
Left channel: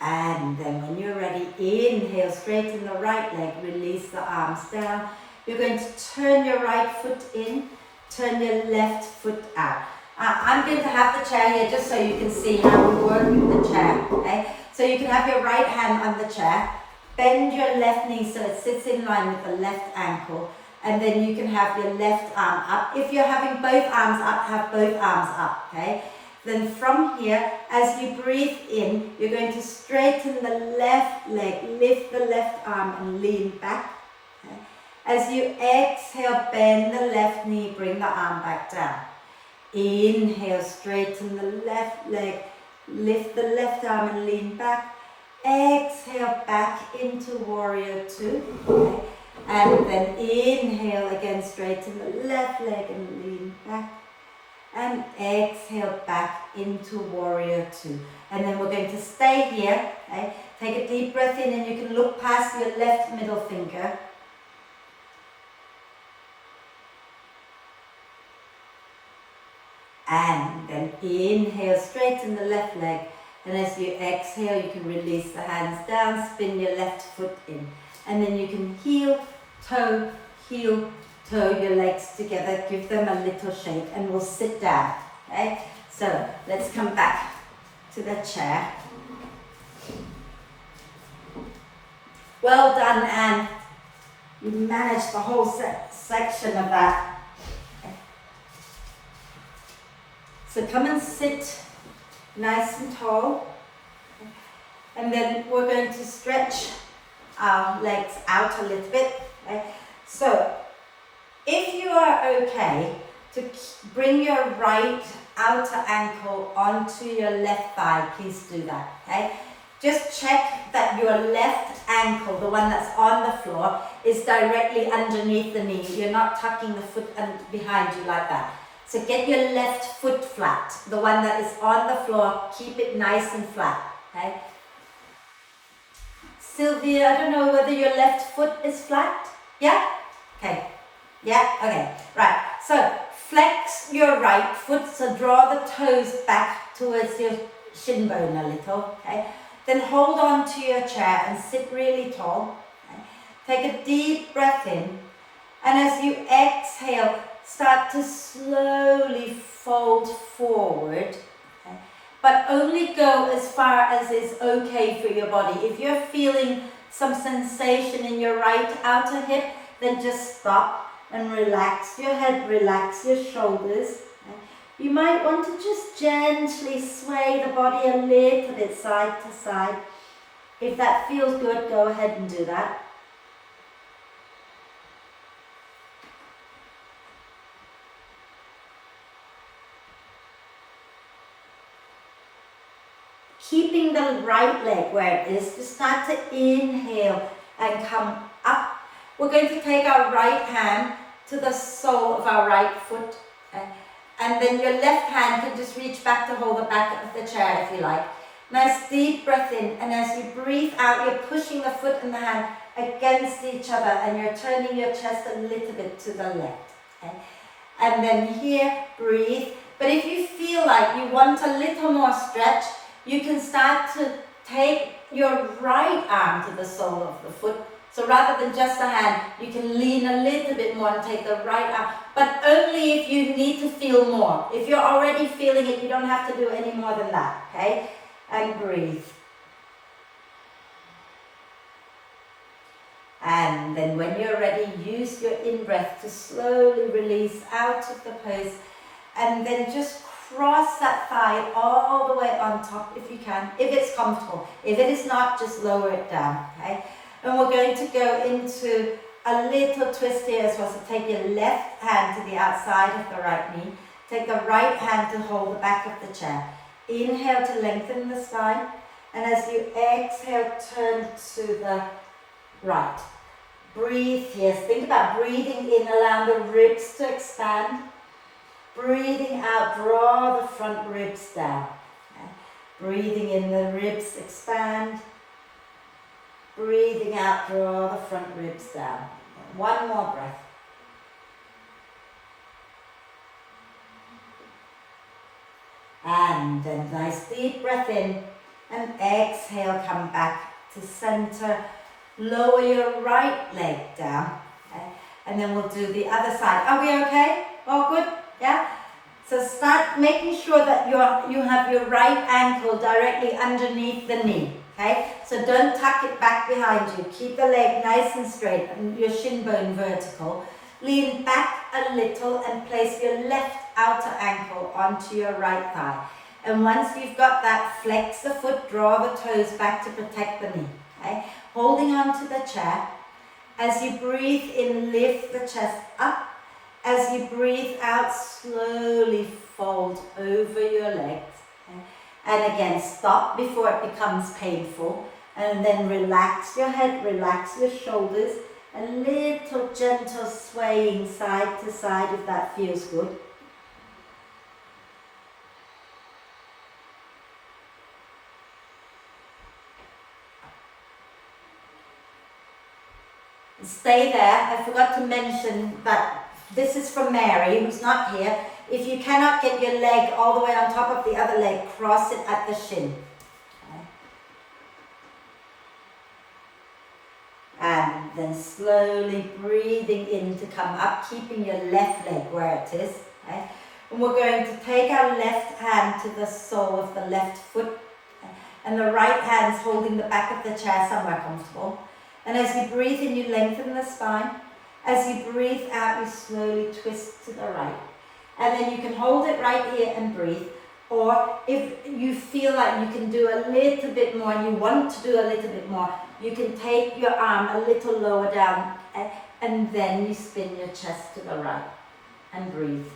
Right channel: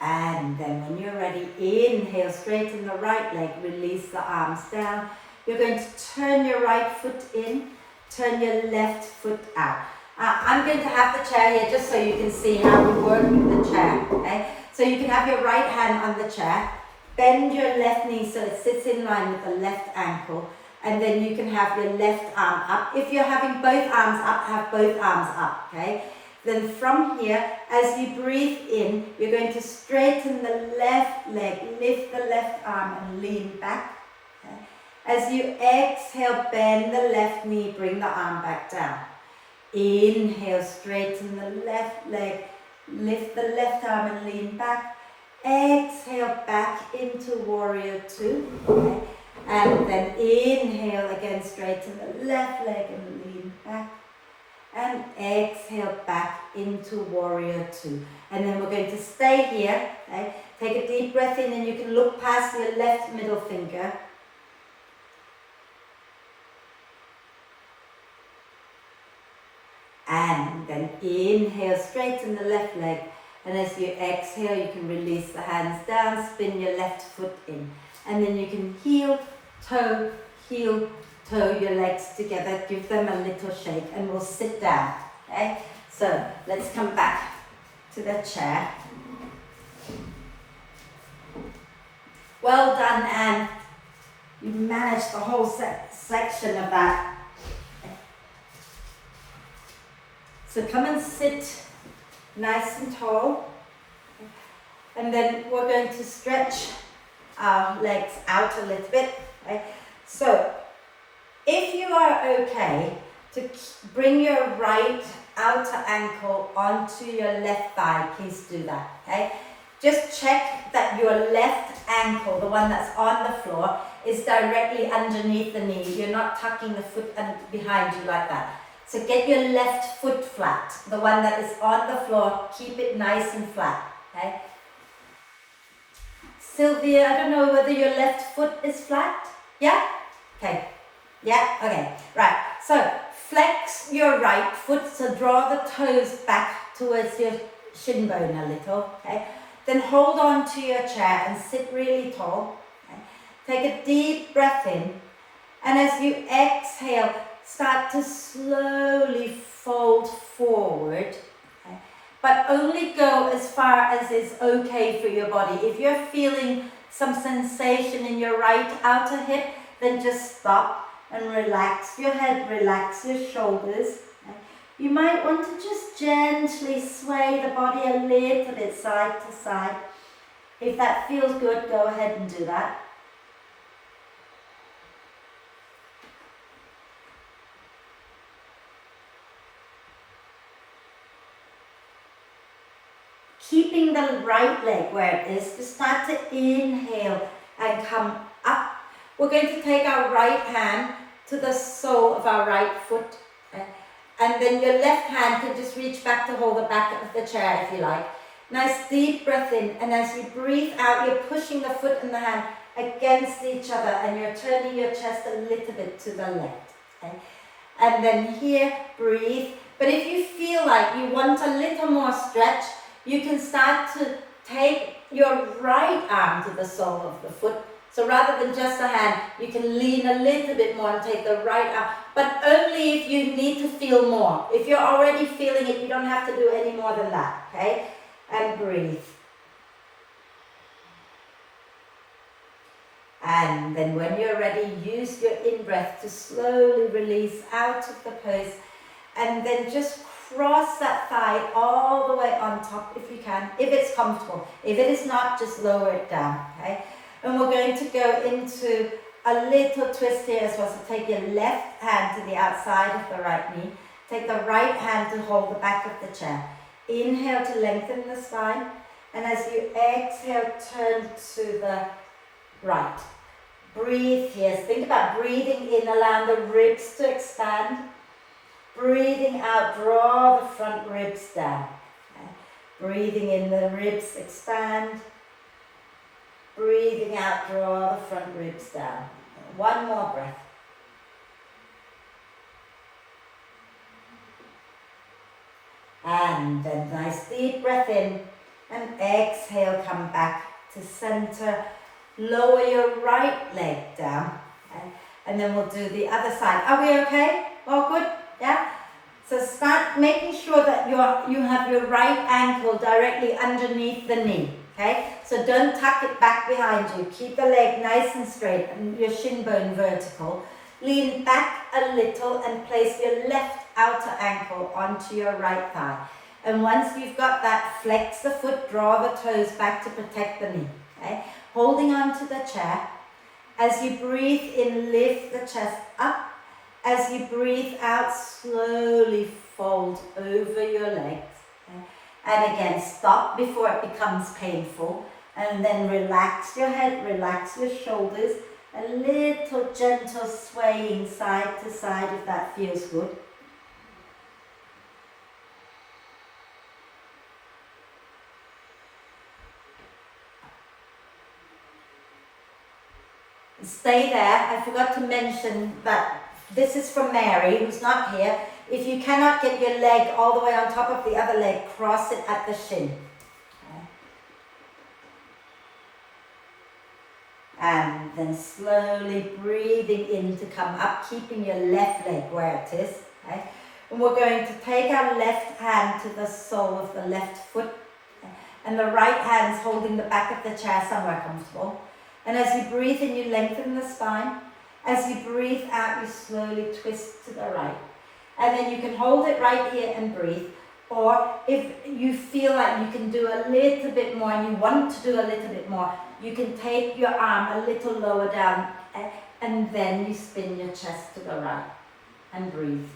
And then when you're ready, inhale, straighten the right leg, release the arms down. You're going to turn your right foot in, turn your left foot out. I'm going to have the chair here just so you can see how we work with the chair. Okay? So you can have your right hand on the chair, bend your left knee so it sits in line with the left ankle, and then you can have your left arm up. If you're having both arms up, have both arms up. Okay? Then from here, as you breathe in, you're going to straighten the left leg, lift the left arm and lean back. Okay? As you exhale, bend the left knee, bring the arm back down. Inhale, straighten the left leg, lift the left arm and lean back. Exhale, back into warrior two. Okay? And then inhale again, straighten the left leg and lean back. And exhale back into warrior two. And then we're going to stay here. Okay? Take a deep breath in, and you can look past your left middle finger. And then inhale, straighten the left leg. And as you exhale, you can release the hands down, spin your left foot in. And then you can heel, toe, your legs together, give them a little shake, and we'll sit down. Okay? So let's come back to the chair. Well done, Anne. You managed the whole section of that. Okay. So come and sit nice and tall. And then we're going to stretch our legs out a little bit. Okay? So if you are okay to bring your right outer ankle onto your left thigh, please do that, okay? Just check that your left ankle, the one that's on the floor, is directly underneath the knee. You're not tucking the foot behind you like that. So get your left foot flat, the one that is on the floor, keep it nice and flat, okay? Sylvia, I don't know whether your left foot is flat? Yeah? Okay. Yeah? Okay. Right. So flex your right foot. So draw the toes back towards your shin bone a little. Okay. Then hold on to your chair and sit really tall. Okay. Take a deep breath in. And as you exhale, start to slowly fold forward. Okay. But only go as far as is okay for your body. If you're feeling some sensation in your right outer hip, then just stop and relax your head, relax your shoulders. Okay. You might want to just gently sway the body a little bit side to side. If that feels good, go ahead and do that. Keeping the right leg where it is, just start to inhale and come up. We're going to take our right hand to the sole of our right foot. Okay? And then your left hand can just reach back to hold the back of the chair if you like. Nice deep breath in. And as you breathe out, you're pushing the foot and the hand against each other. And you're turning your chest a little bit to the left. Okay? And then here, breathe. But if you feel like you want a little more stretch, you can start to take your right arm to the sole of the foot. So rather than just a hand, you can lean a little bit more and take the right arm, but only if you need to feel more. If you're already feeling it, you don't have to do any more than that, okay? And breathe. And then when you're ready, use your in-breath to slowly release out of the pose. And then just cross that thigh all the way on top if you can, if it's comfortable. If it is not, just lower it down, okay? And we're going to go into a little twist here as well. So take your left hand to the outside of the right knee. Take the right hand to hold the back of the chair. Inhale to lengthen the spine. And as you exhale, turn to the right. Breathe here. Think about breathing in, allowing the ribs to expand. Breathing out, draw the front ribs down. Breathing in, the ribs expand. Breathing out, draw the front ribs down. One more breath. And then nice deep breath in. And exhale, come back to center. Lower your right leg down. Okay? And then we'll do the other side. Are we okay? All good? Yeah? So start making sure that you have your right ankle directly underneath the knee. Okay? So don't tuck it back behind you. Keep the leg nice and straight and your shin bone vertical. Lean back a little and place your left outer ankle onto your right thigh. And once you've got that, flex the foot, draw the toes back to protect the knee. Okay? Holding on to the chair. As you breathe in, lift the chest up. As you breathe out, slowly fold over your legs. Okay? And again, stop before it becomes painful. And then relax your head, relax your shoulders. A little gentle swaying side to side if that feels good. Stay there. I forgot to mention that this is from Mary, who's not here. If you cannot get your leg all the way on top of the other leg, cross it at the shin. Okay. And then slowly breathing in to come up, keeping your left leg where it is. Okay. And we're going to take our left hand to the sole of the left foot. And the right hand's holding the back of the chair somewhere comfortable. And as you breathe in, you lengthen the spine. As you breathe out, you slowly twist to the right. And then you can hold it right here and breathe. Or if you feel like you can do a little bit more and you want to do a little bit more, you can take your arm a little lower down and then you spin your chest to the right and breathe.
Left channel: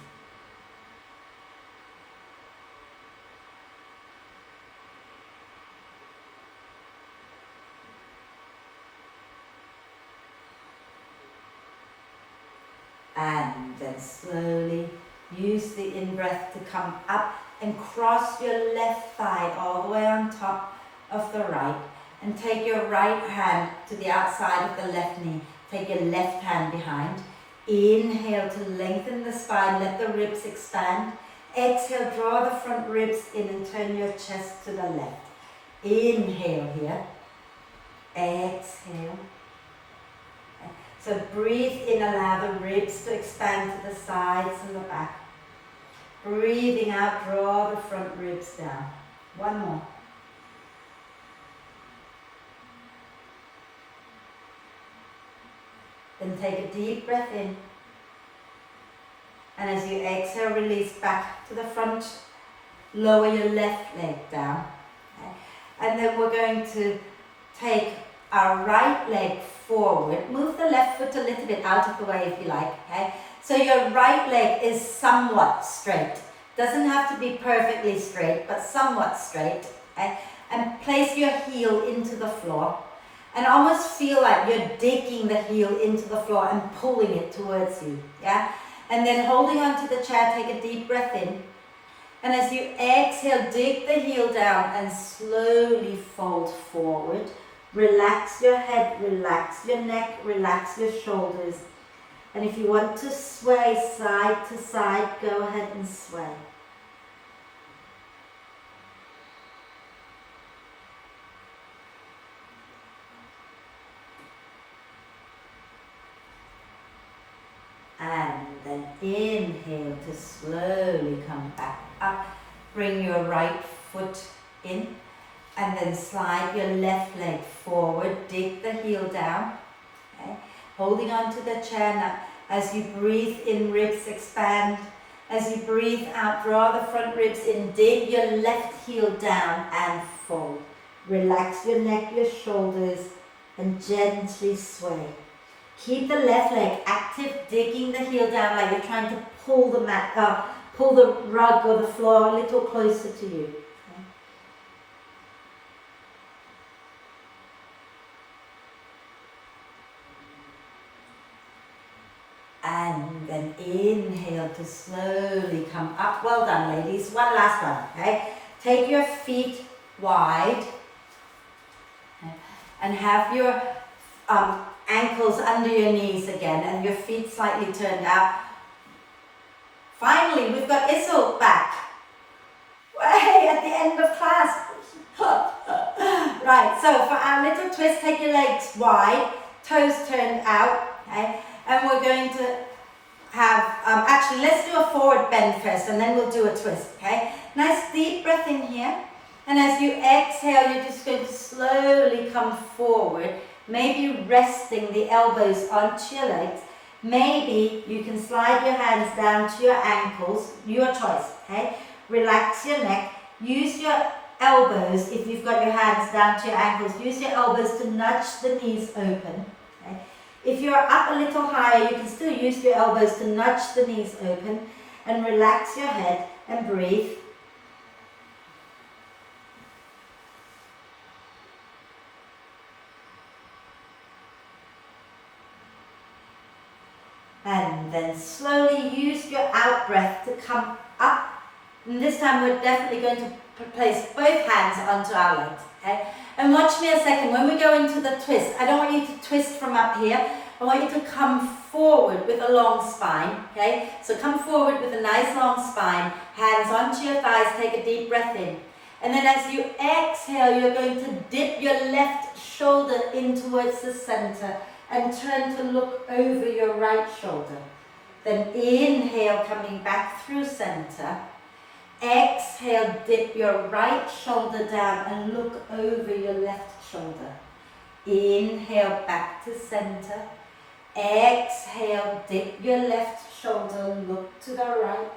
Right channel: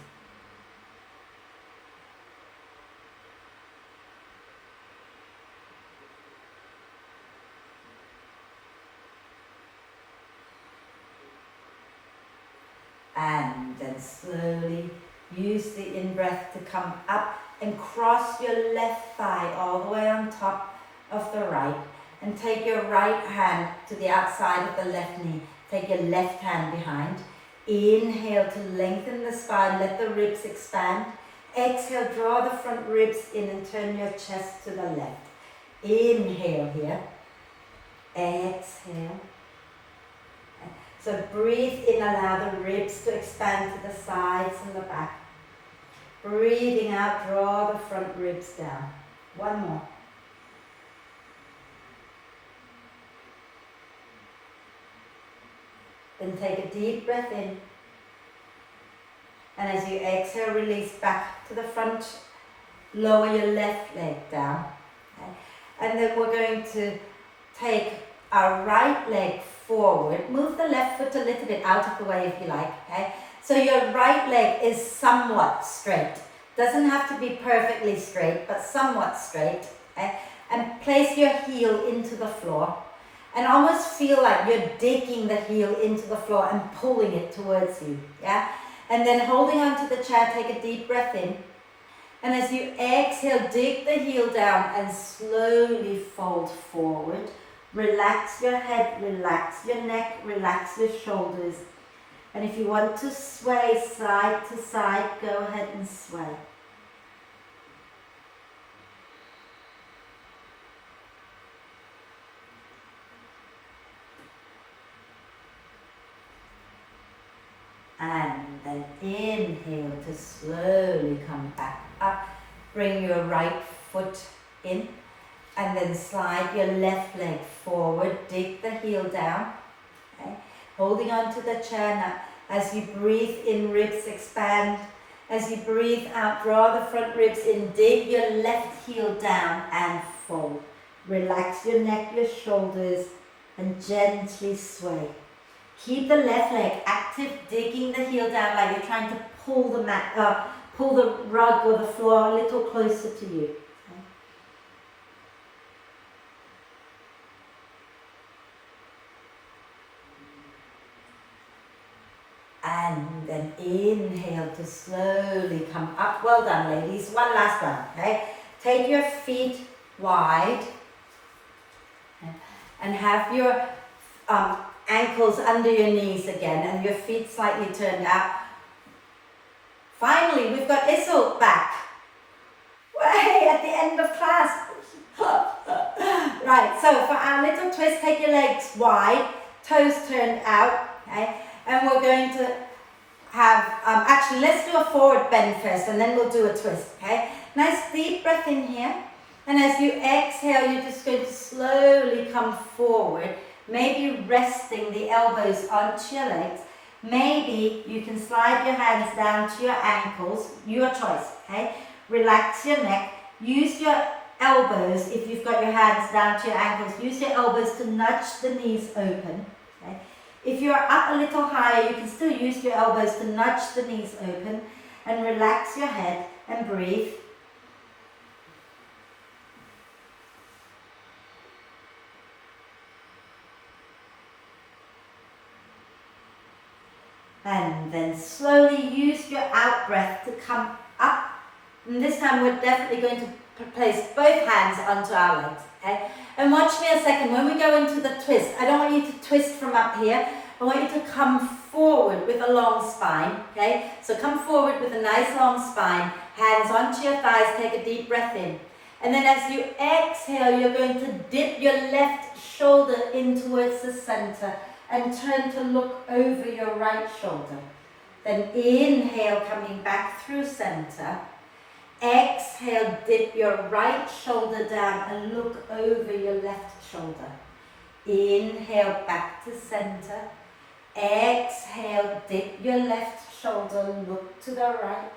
And then slowly use the in-breath to come up and cross your left thigh all the way on top of the right. And take your right hand to the outside of the left knee. Take your left hand behind. Inhale to lengthen the spine, let the ribs expand. Exhale, draw the front ribs in and turn your chest to the left. Inhale here. Exhale. So breathe in, allow the ribs to expand to the sides and the back. Breathing out, draw the front ribs down. One more. Then take a deep breath in. And as you exhale, release back to the front. Lower your left leg down. Okay. And then we're going to take our right leg forward. Move the left foot a little bit out of the way if you like. Okay? So your right leg is somewhat straight. Doesn't have to be perfectly straight, but somewhat straight. Okay? And place your heel into the floor. And almost feel like you're digging the heel into the floor and pulling it towards you. Yeah? And then holding onto the chair, take a deep breath in. And as you exhale, dig the heel down and slowly fold forward. Relax your head, relax your neck, relax your shoulders. And if you want to sway side to side, go ahead and sway. And then inhale to slowly come back up. Bring your right foot in. And then slide your left leg forward, dig the heel down. Okay. holding onto the chair. Now, as you breathe in, ribs expand. As you breathe out, draw the front ribs in, dig your left heel down and fold. Relax your neck, your shoulders, and gently sway. Keep the left leg active, digging the heel down like you're trying to pull the mat, pull the rug or the floor a little closer to you. And then inhale to slowly come up. Well done, ladies. One last one, okay? Take your feet wide and have your ankles under your knees again and your feet slightly turned out. Finally, we've got Issel back. Way at the end of class. Right, so for our little twist, take your legs wide, toes turned out, okay? And we're going to have, actually let's do a forward bend first and then we'll do a twist, okay? Nice deep breath in here. And as you exhale, you're just going to slowly come forward, maybe resting the elbows onto your legs. Maybe you can slide your hands down to your ankles, your choice, okay? Relax your neck, use your elbows, if you've got your hands down to your ankles, use your elbows to nudge the knees open, okay? If you're up a little higher, you can still use your elbows to nudge the knees open and relax your head and breathe. And then slowly use your out breath to come up. And this time we're definitely going to place both hands onto our legs, okay? And watch me a second. When we go into the twist, I don't want you to twist from up here. I want you to come forward with a long spine, okay? So come forward with a nice long spine, hands onto your thighs, take a deep breath in. And then as you exhale, you're going to dip your left shoulder in towards the center and turn to look over your right shoulder. Then inhale, coming back through center. Exhale, dip your right shoulder down and look over your left shoulder. Inhale, back to center. Exhale, dip your left shoulder, look to the right.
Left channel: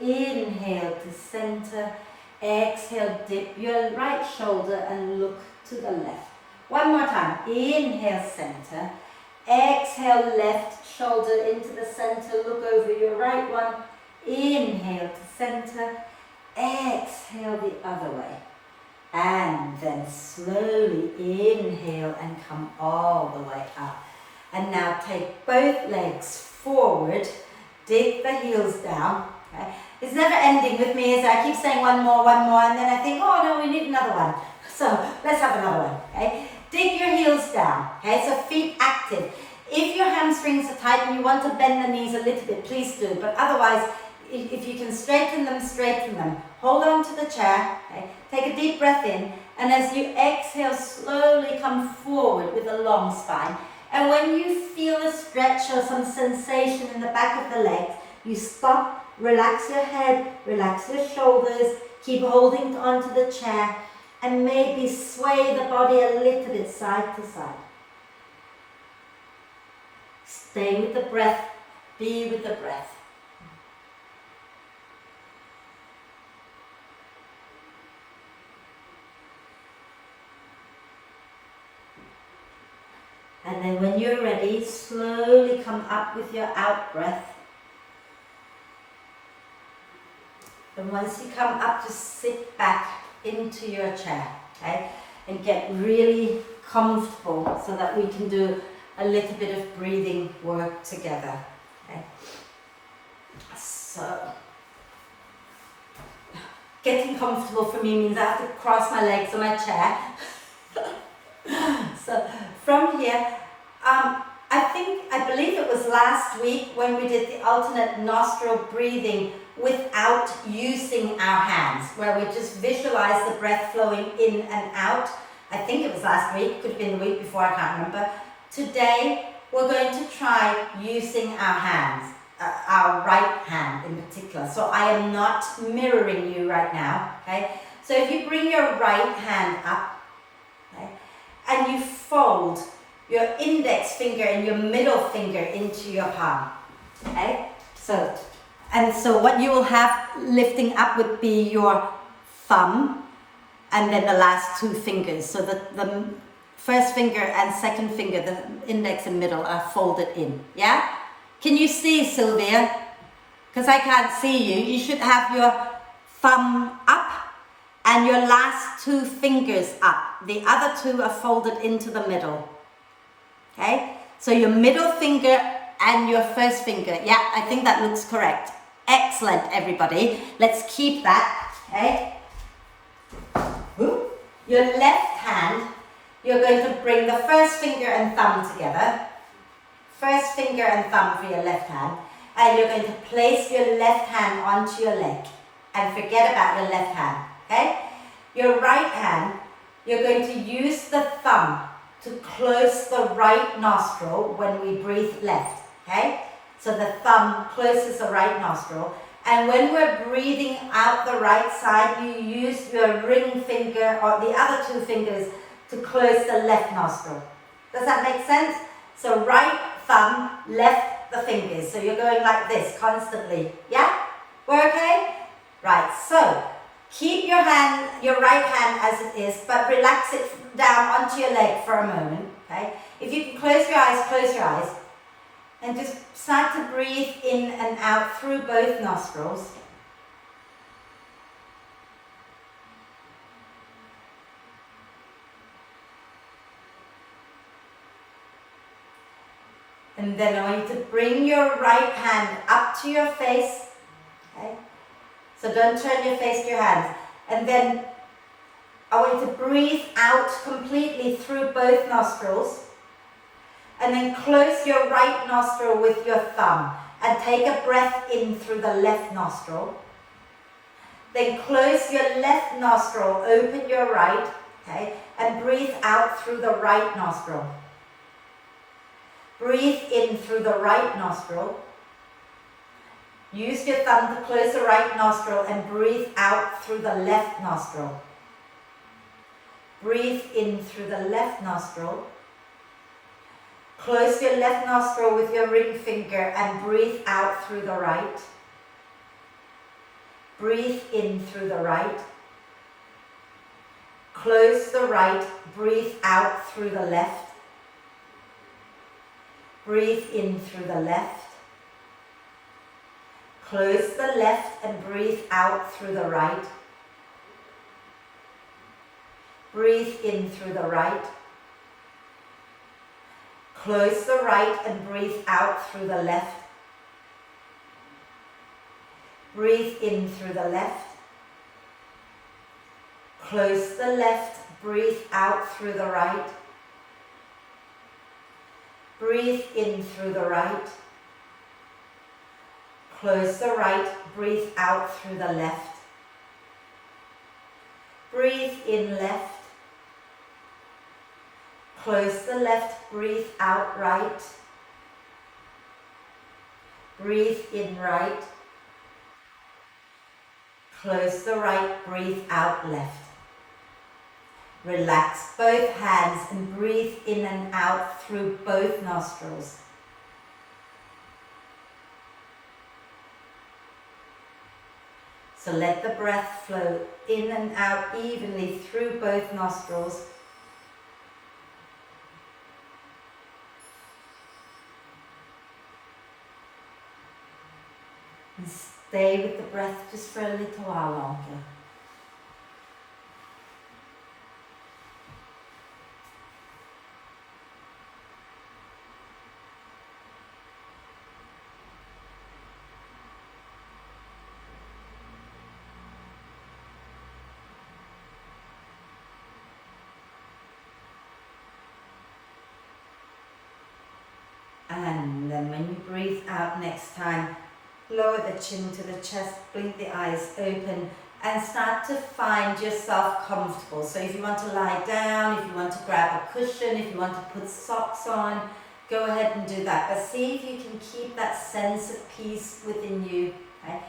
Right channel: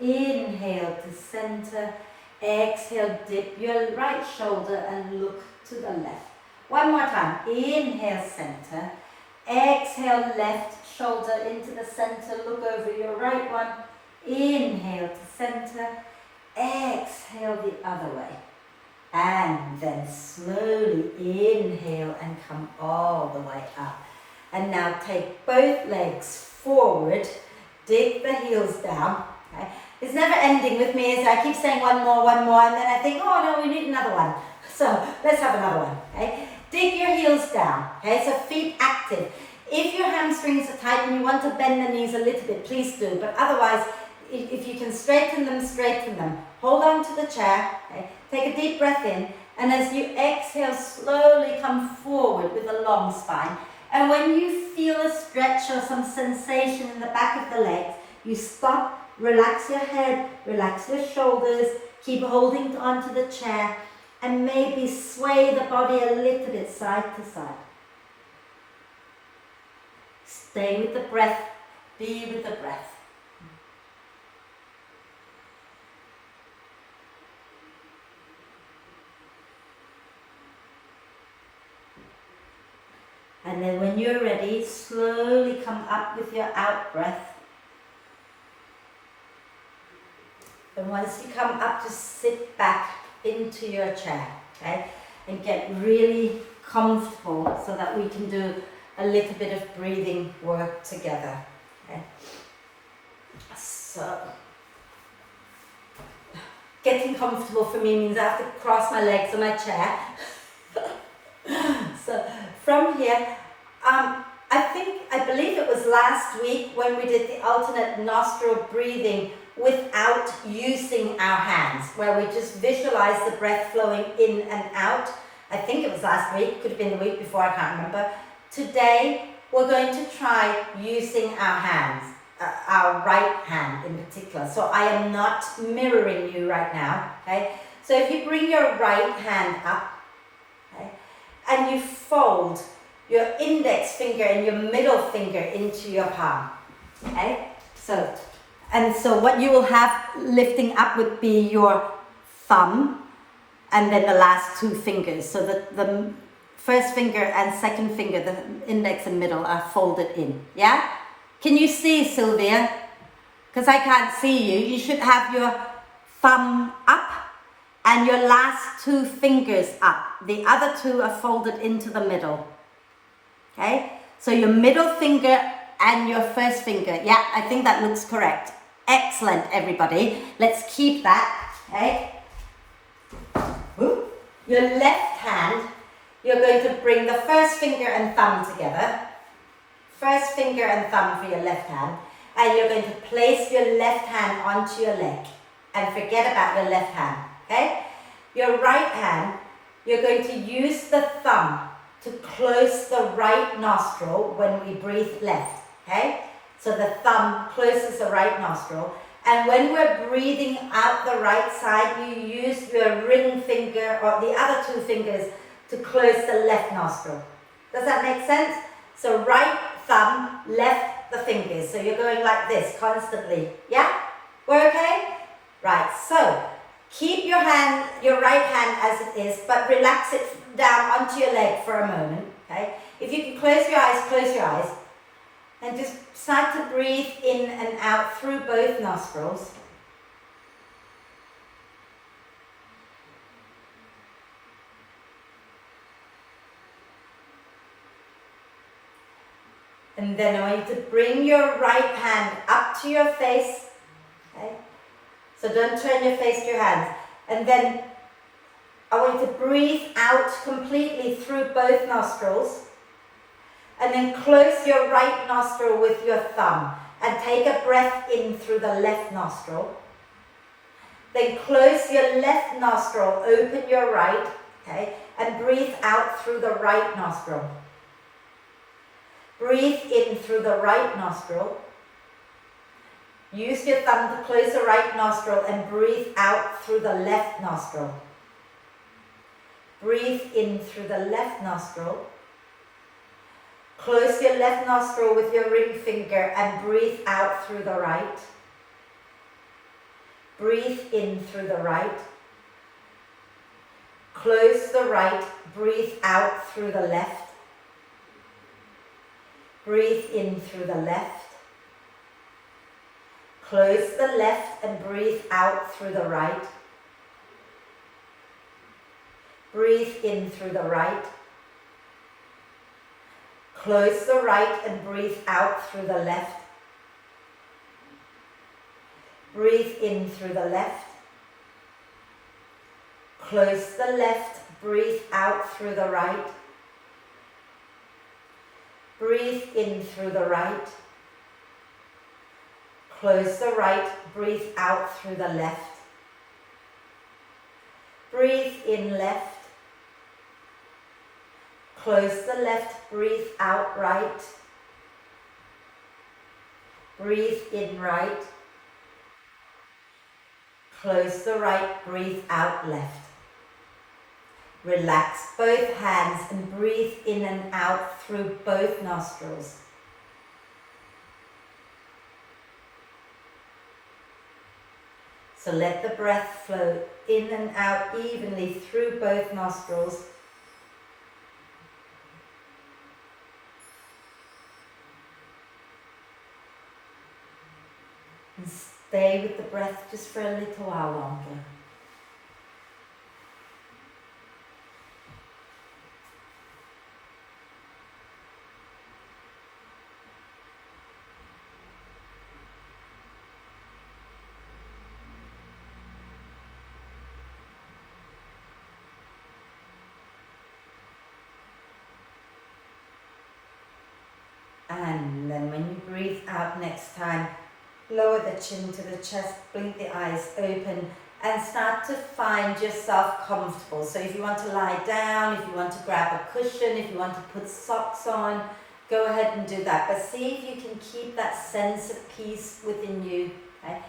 Inhale to center. Exhale, dip your right shoulder and look to the left. One more time. Inhale, center. Exhale, left shoulder into the center, look over your right one. Inhale to center. Exhale the other way. And then slowly inhale and come all the way up. And now take both legs forward, dig the heels down. Okay? It's never ending with me as I keep saying one more, and then I think, oh no, we need another one. So let's have another one, okay? Dig your heels down, okay? So feet active. If your hamstrings are tight and you want to bend the knees a little bit, please do. But otherwise, if you can straighten them, straighten them. Hold on to the chair, okay? Take a deep breath in. And as you exhale, slowly come forward with a long spine. And when you feel a stretch or some sensation in the back of the legs, you stop, relax your head, relax your shoulders, keep holding onto the chair, and maybe sway the body a little bit side to side. Stay with the breath, be with the breath. And then when you're ready, slowly come up with your out breath. And once you come up, just sit back into your chair, okay? And get really comfortable so that we can do a little bit of breathing work together, okay? So, getting comfortable for me means I have to cross my legs on my chair. So, from here, I believe it was last week when we did the alternate nostril breathing without using our hands, where we just visualize the breath flowing in and out. I think it was last week, could have been the week before, I can't remember. Today, we're going to try using our hands, our right hand in particular. So I am not mirroring you right now, okay? So if you bring your right hand up, okay, and you fold your index finger and your middle finger into your palm. Okay? So what you will have lifting up would be your thumb and then the last two fingers. So the first finger and second finger, the index and middle, are folded in. Yeah? Can you see, Sylvia? Because I can't see you. You should have your thumb up and your last two fingers up. The other two are folded into the middle. Okay? So your middle finger and your first finger. Yeah, I think that looks correct. Excellent, everybody. Let's keep that. Okay? Your left hand, you're going to bring the first finger and thumb together. First finger and thumb for your left hand. And you're going to place your left hand onto your leg. And forget about your left hand. Okay? Your right hand, you're going to use the thumb to close the right nostril when we breathe left. Okay? So the thumb closes the right nostril. And when we're breathing out the right side, you use your ring finger or the other two fingers to close the left nostril. Does that make sense? So right thumb, left the fingers. So you're going like this constantly. Yeah? We're okay? Right, so keep your right hand as it is, but relax it down onto your leg for a moment. Okay? If you can close your eyes, and just start to breathe in and out through both nostrils. And then I want you to bring your right hand up to your face. Okay? So don't turn your face to your hands. And then I want you to breathe out completely through both nostrils. And then close your right nostril with your thumb and take a breath in through the left nostril. Then close your left nostril, open your right, okay, and breathe out through the right nostril. Breathe in through the right nostril. Use your thumb to close the right nostril and breathe out through the left nostril. Breathe in through the left nostril. Close your left nostril with your ring finger and breathe out through the right. Breathe in through the right. Close the right, breathe out through the left. Breathe in through the left. Close the left and breathe out through the right. Breathe in through the right. Close the right and breathe out through the left. Breathe in through the left. Close the left, breathe out through the right. Breathe in through the right. Close the right, breathe out through the left. Breathe in left. Close the left, breathe out right. Breathe in right. Close the right, breathe out left. Relax both hands and breathe in and out through both nostrils. So let the breath flow in and out evenly through both nostrils. And stay with the breath just for a little while longer. And then when you breathe out next time, lower the chin to the chest, blink the eyes open, and start to find yourself comfortable. So if you want to lie down, if you want to grab a cushion, if you want to put socks on, go ahead and do that. But see if you can keep that sense of peace within you. Okay?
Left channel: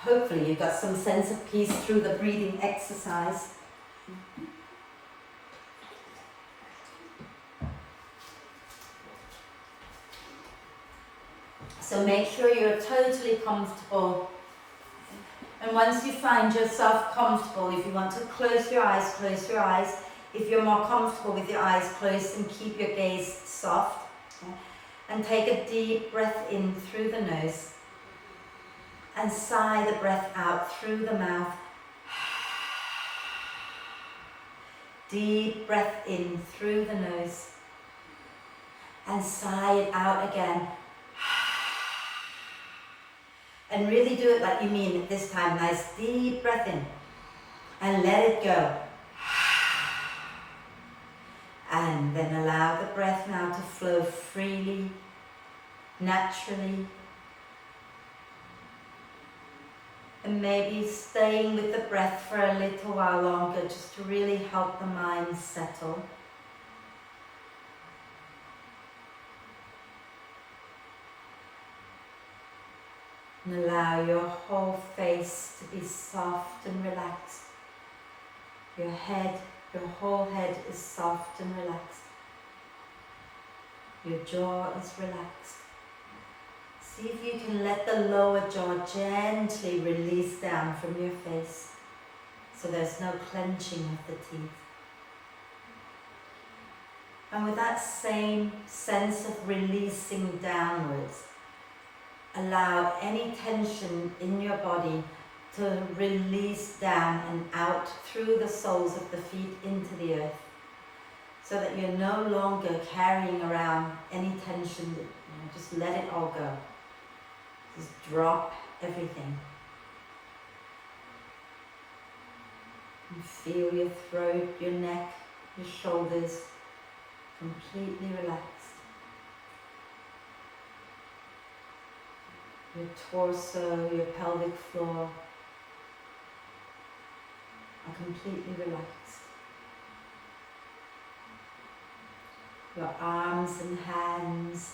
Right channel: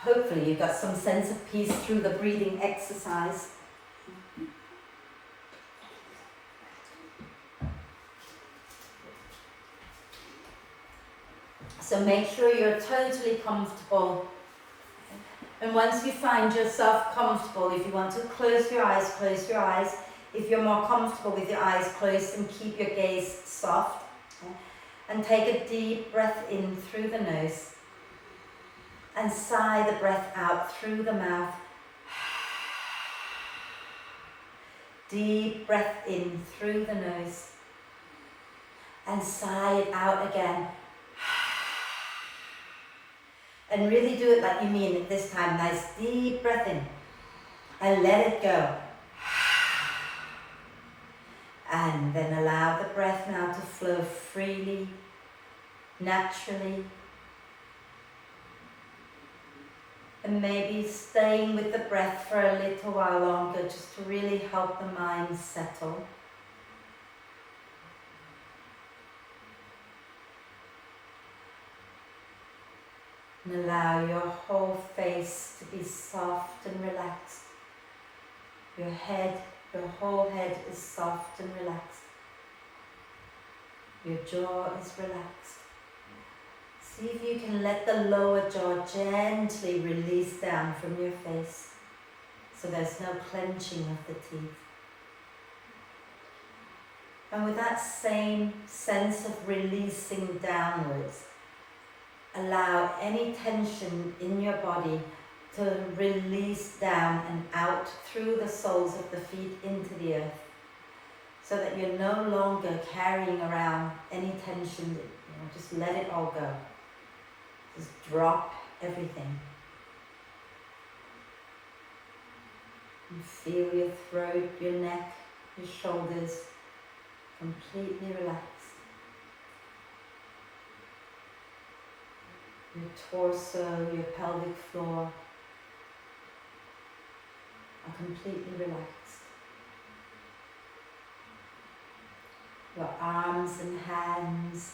Hopefully you've got some sense of peace through the breathing exercise. So make sure you're totally comfortable. And once you find yourself comfortable, if you want to close your eyes, close your eyes. If you're more comfortable with your eyes closed, and keep your gaze soft. And take a deep breath in through the nose. And sigh the breath out through the mouth. Deep breath in through the nose. And sigh it out again. And really do it like you mean it this time. Nice deep breath in. And let it go. And then allow the breath now to flow freely, naturally. And maybe staying with the breath for a little while longer, just to really help the mind settle. And allow your whole face to be soft and relaxed. Your head, your whole head is soft and relaxed. Your jaw is relaxed. See if you can let the lower jaw gently release down from your face, so there's no clenching of the teeth. And with that same sense of releasing downwards, allow any tension in your body to release down and out through the soles of the feet into the earth, so that you're no longer carrying around any tension. Just let it all go. Just drop everything. And feel your throat, your neck, your shoulders completely relaxed. Your torso, your pelvic floor are completely relaxed. Your arms and hands,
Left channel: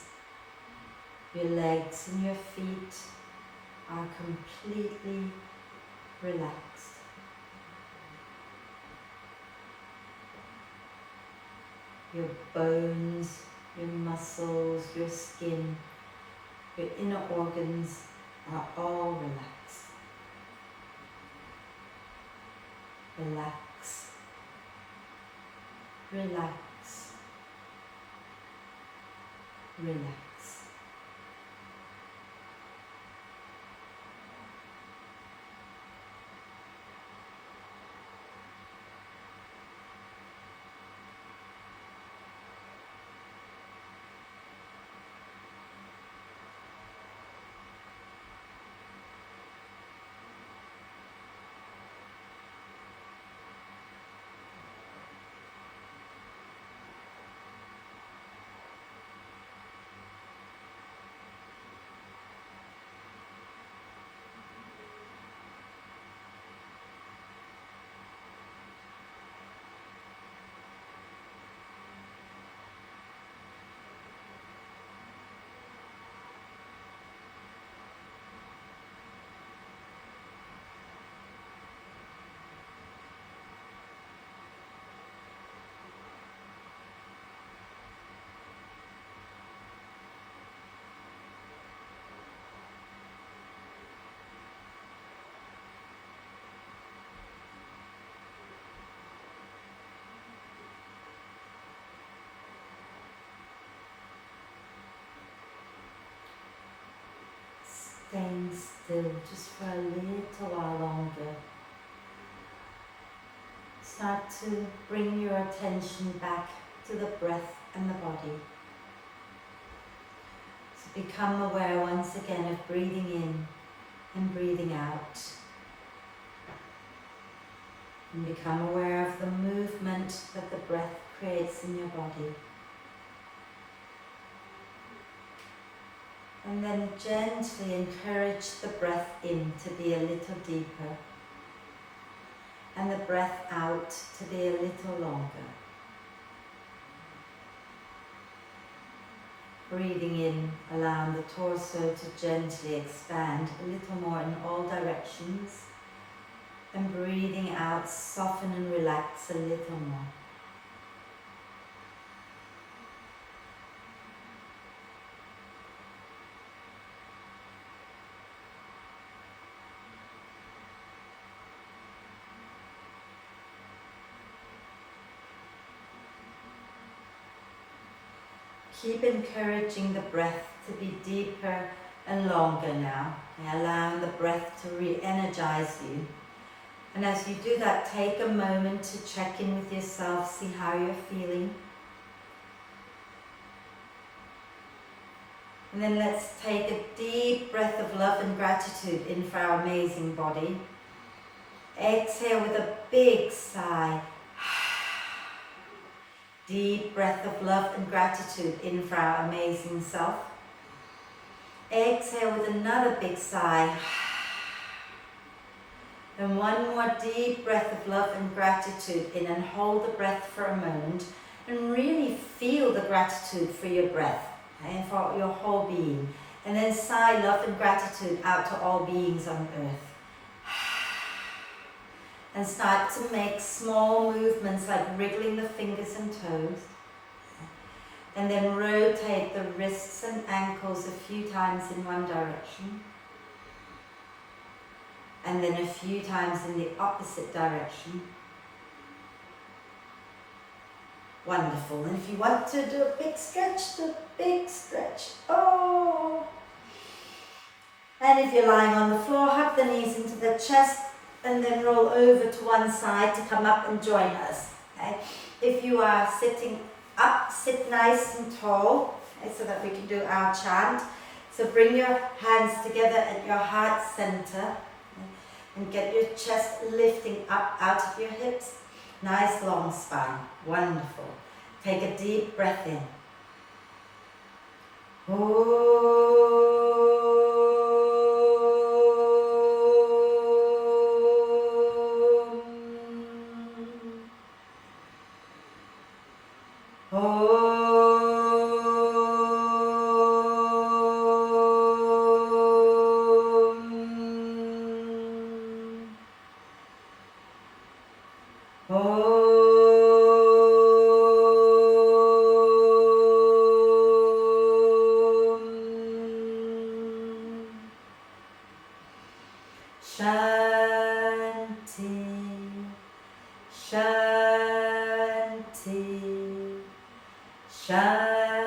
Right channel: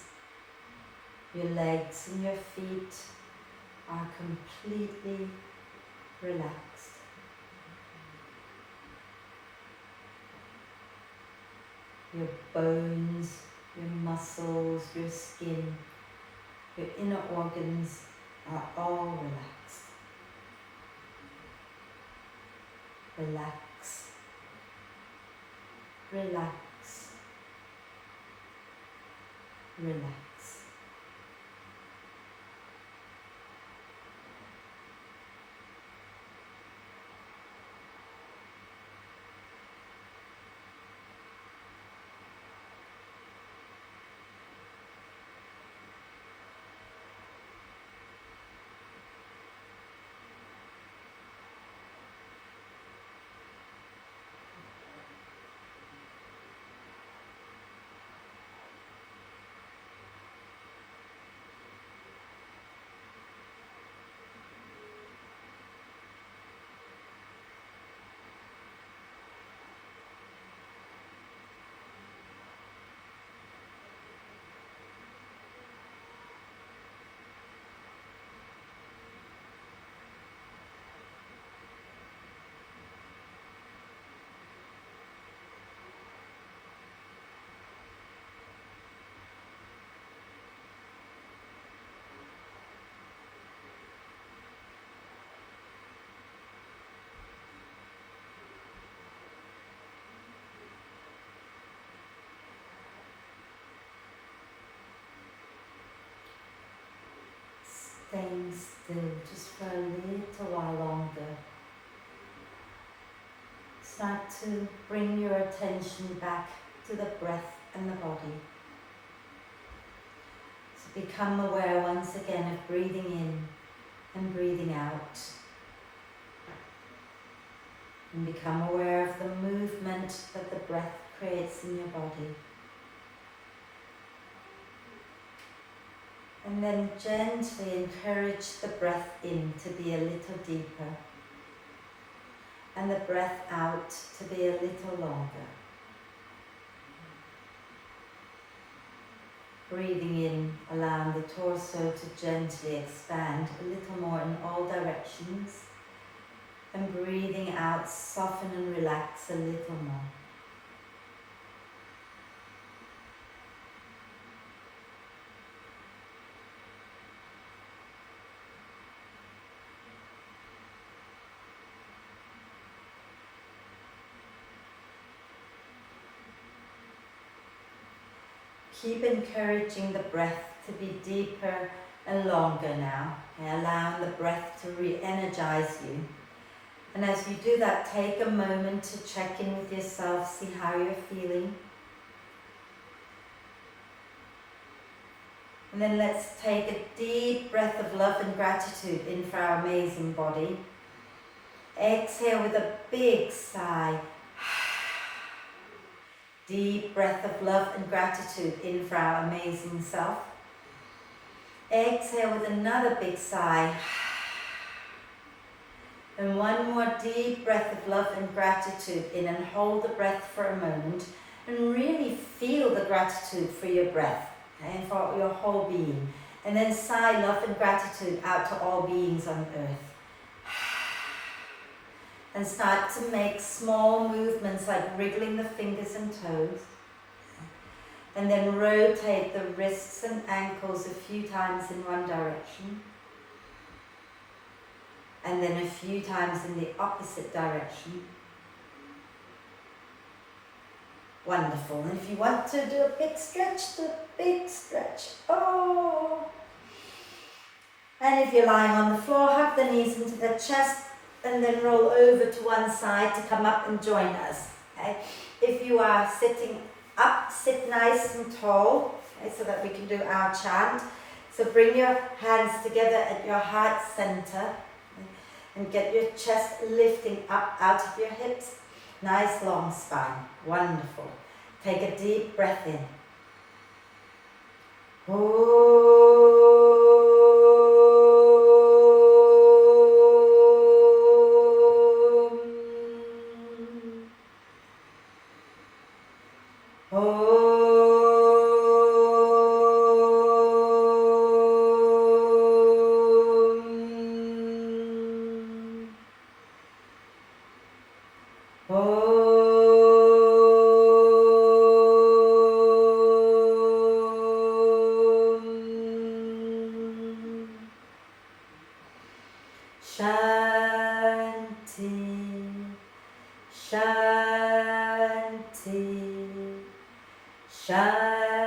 your legs and your feet are completely relaxed. Your bones, your muscles, your skin, your inner organs are all relaxed. Relax, relax, relax. Staying still just for a little while longer. Start to bring your attention back to the breath and the body. So become aware once again of breathing in and breathing out. And become aware of the movement that the breath creates in your body. And then gently encourage the breath in to be a little deeper, and the breath out to be a little longer. Breathing in, allowing the torso to gently expand a little more in all directions, and breathing out, soften and relax a little more. keep encouraging the breath to be deeper and longer now, and allowing the breath to re-energize you. And as you do that, take a moment to check in with yourself, see how you're feeling. And then let's take a deep breath of love and gratitude in for our amazing body. Exhale with a big sigh. Deep breath of love and gratitude in for our amazing self. Exhale with another big sigh. And one more deep breath of love and gratitude in, and hold the breath for a moment and really feel the gratitude for your breath and for your whole being. And then sigh love and gratitude out to all beings on earth. And start to make small movements like wriggling the fingers and toes. And then rotate the wrists and ankles a few times in one direction. And then a few times in the opposite direction. Wonderful. And if you want to do a big stretch, do a big stretch. Oh! And if you're lying on the floor, hug the knees into the chest and then roll over to one side to come up and join us. Okay? If you are sitting up, sit nice and tall, okay, so that we can do our chant. So bring your hands together at your heart center, okay, and get your chest lifting up out of your hips. Nice long spine. Wonderful. Take a deep breath in. Shanti, Shanti, Shanti.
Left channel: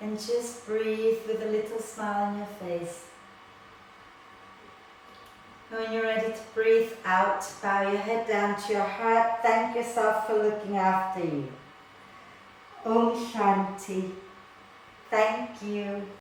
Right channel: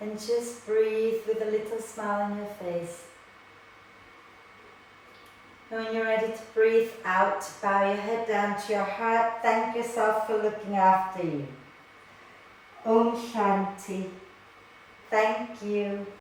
And just breathe with a little smile on your face. And when you're ready to breathe out, bow your head down to your heart. Thank yourself for looking after you. Om Shanti. Thank you.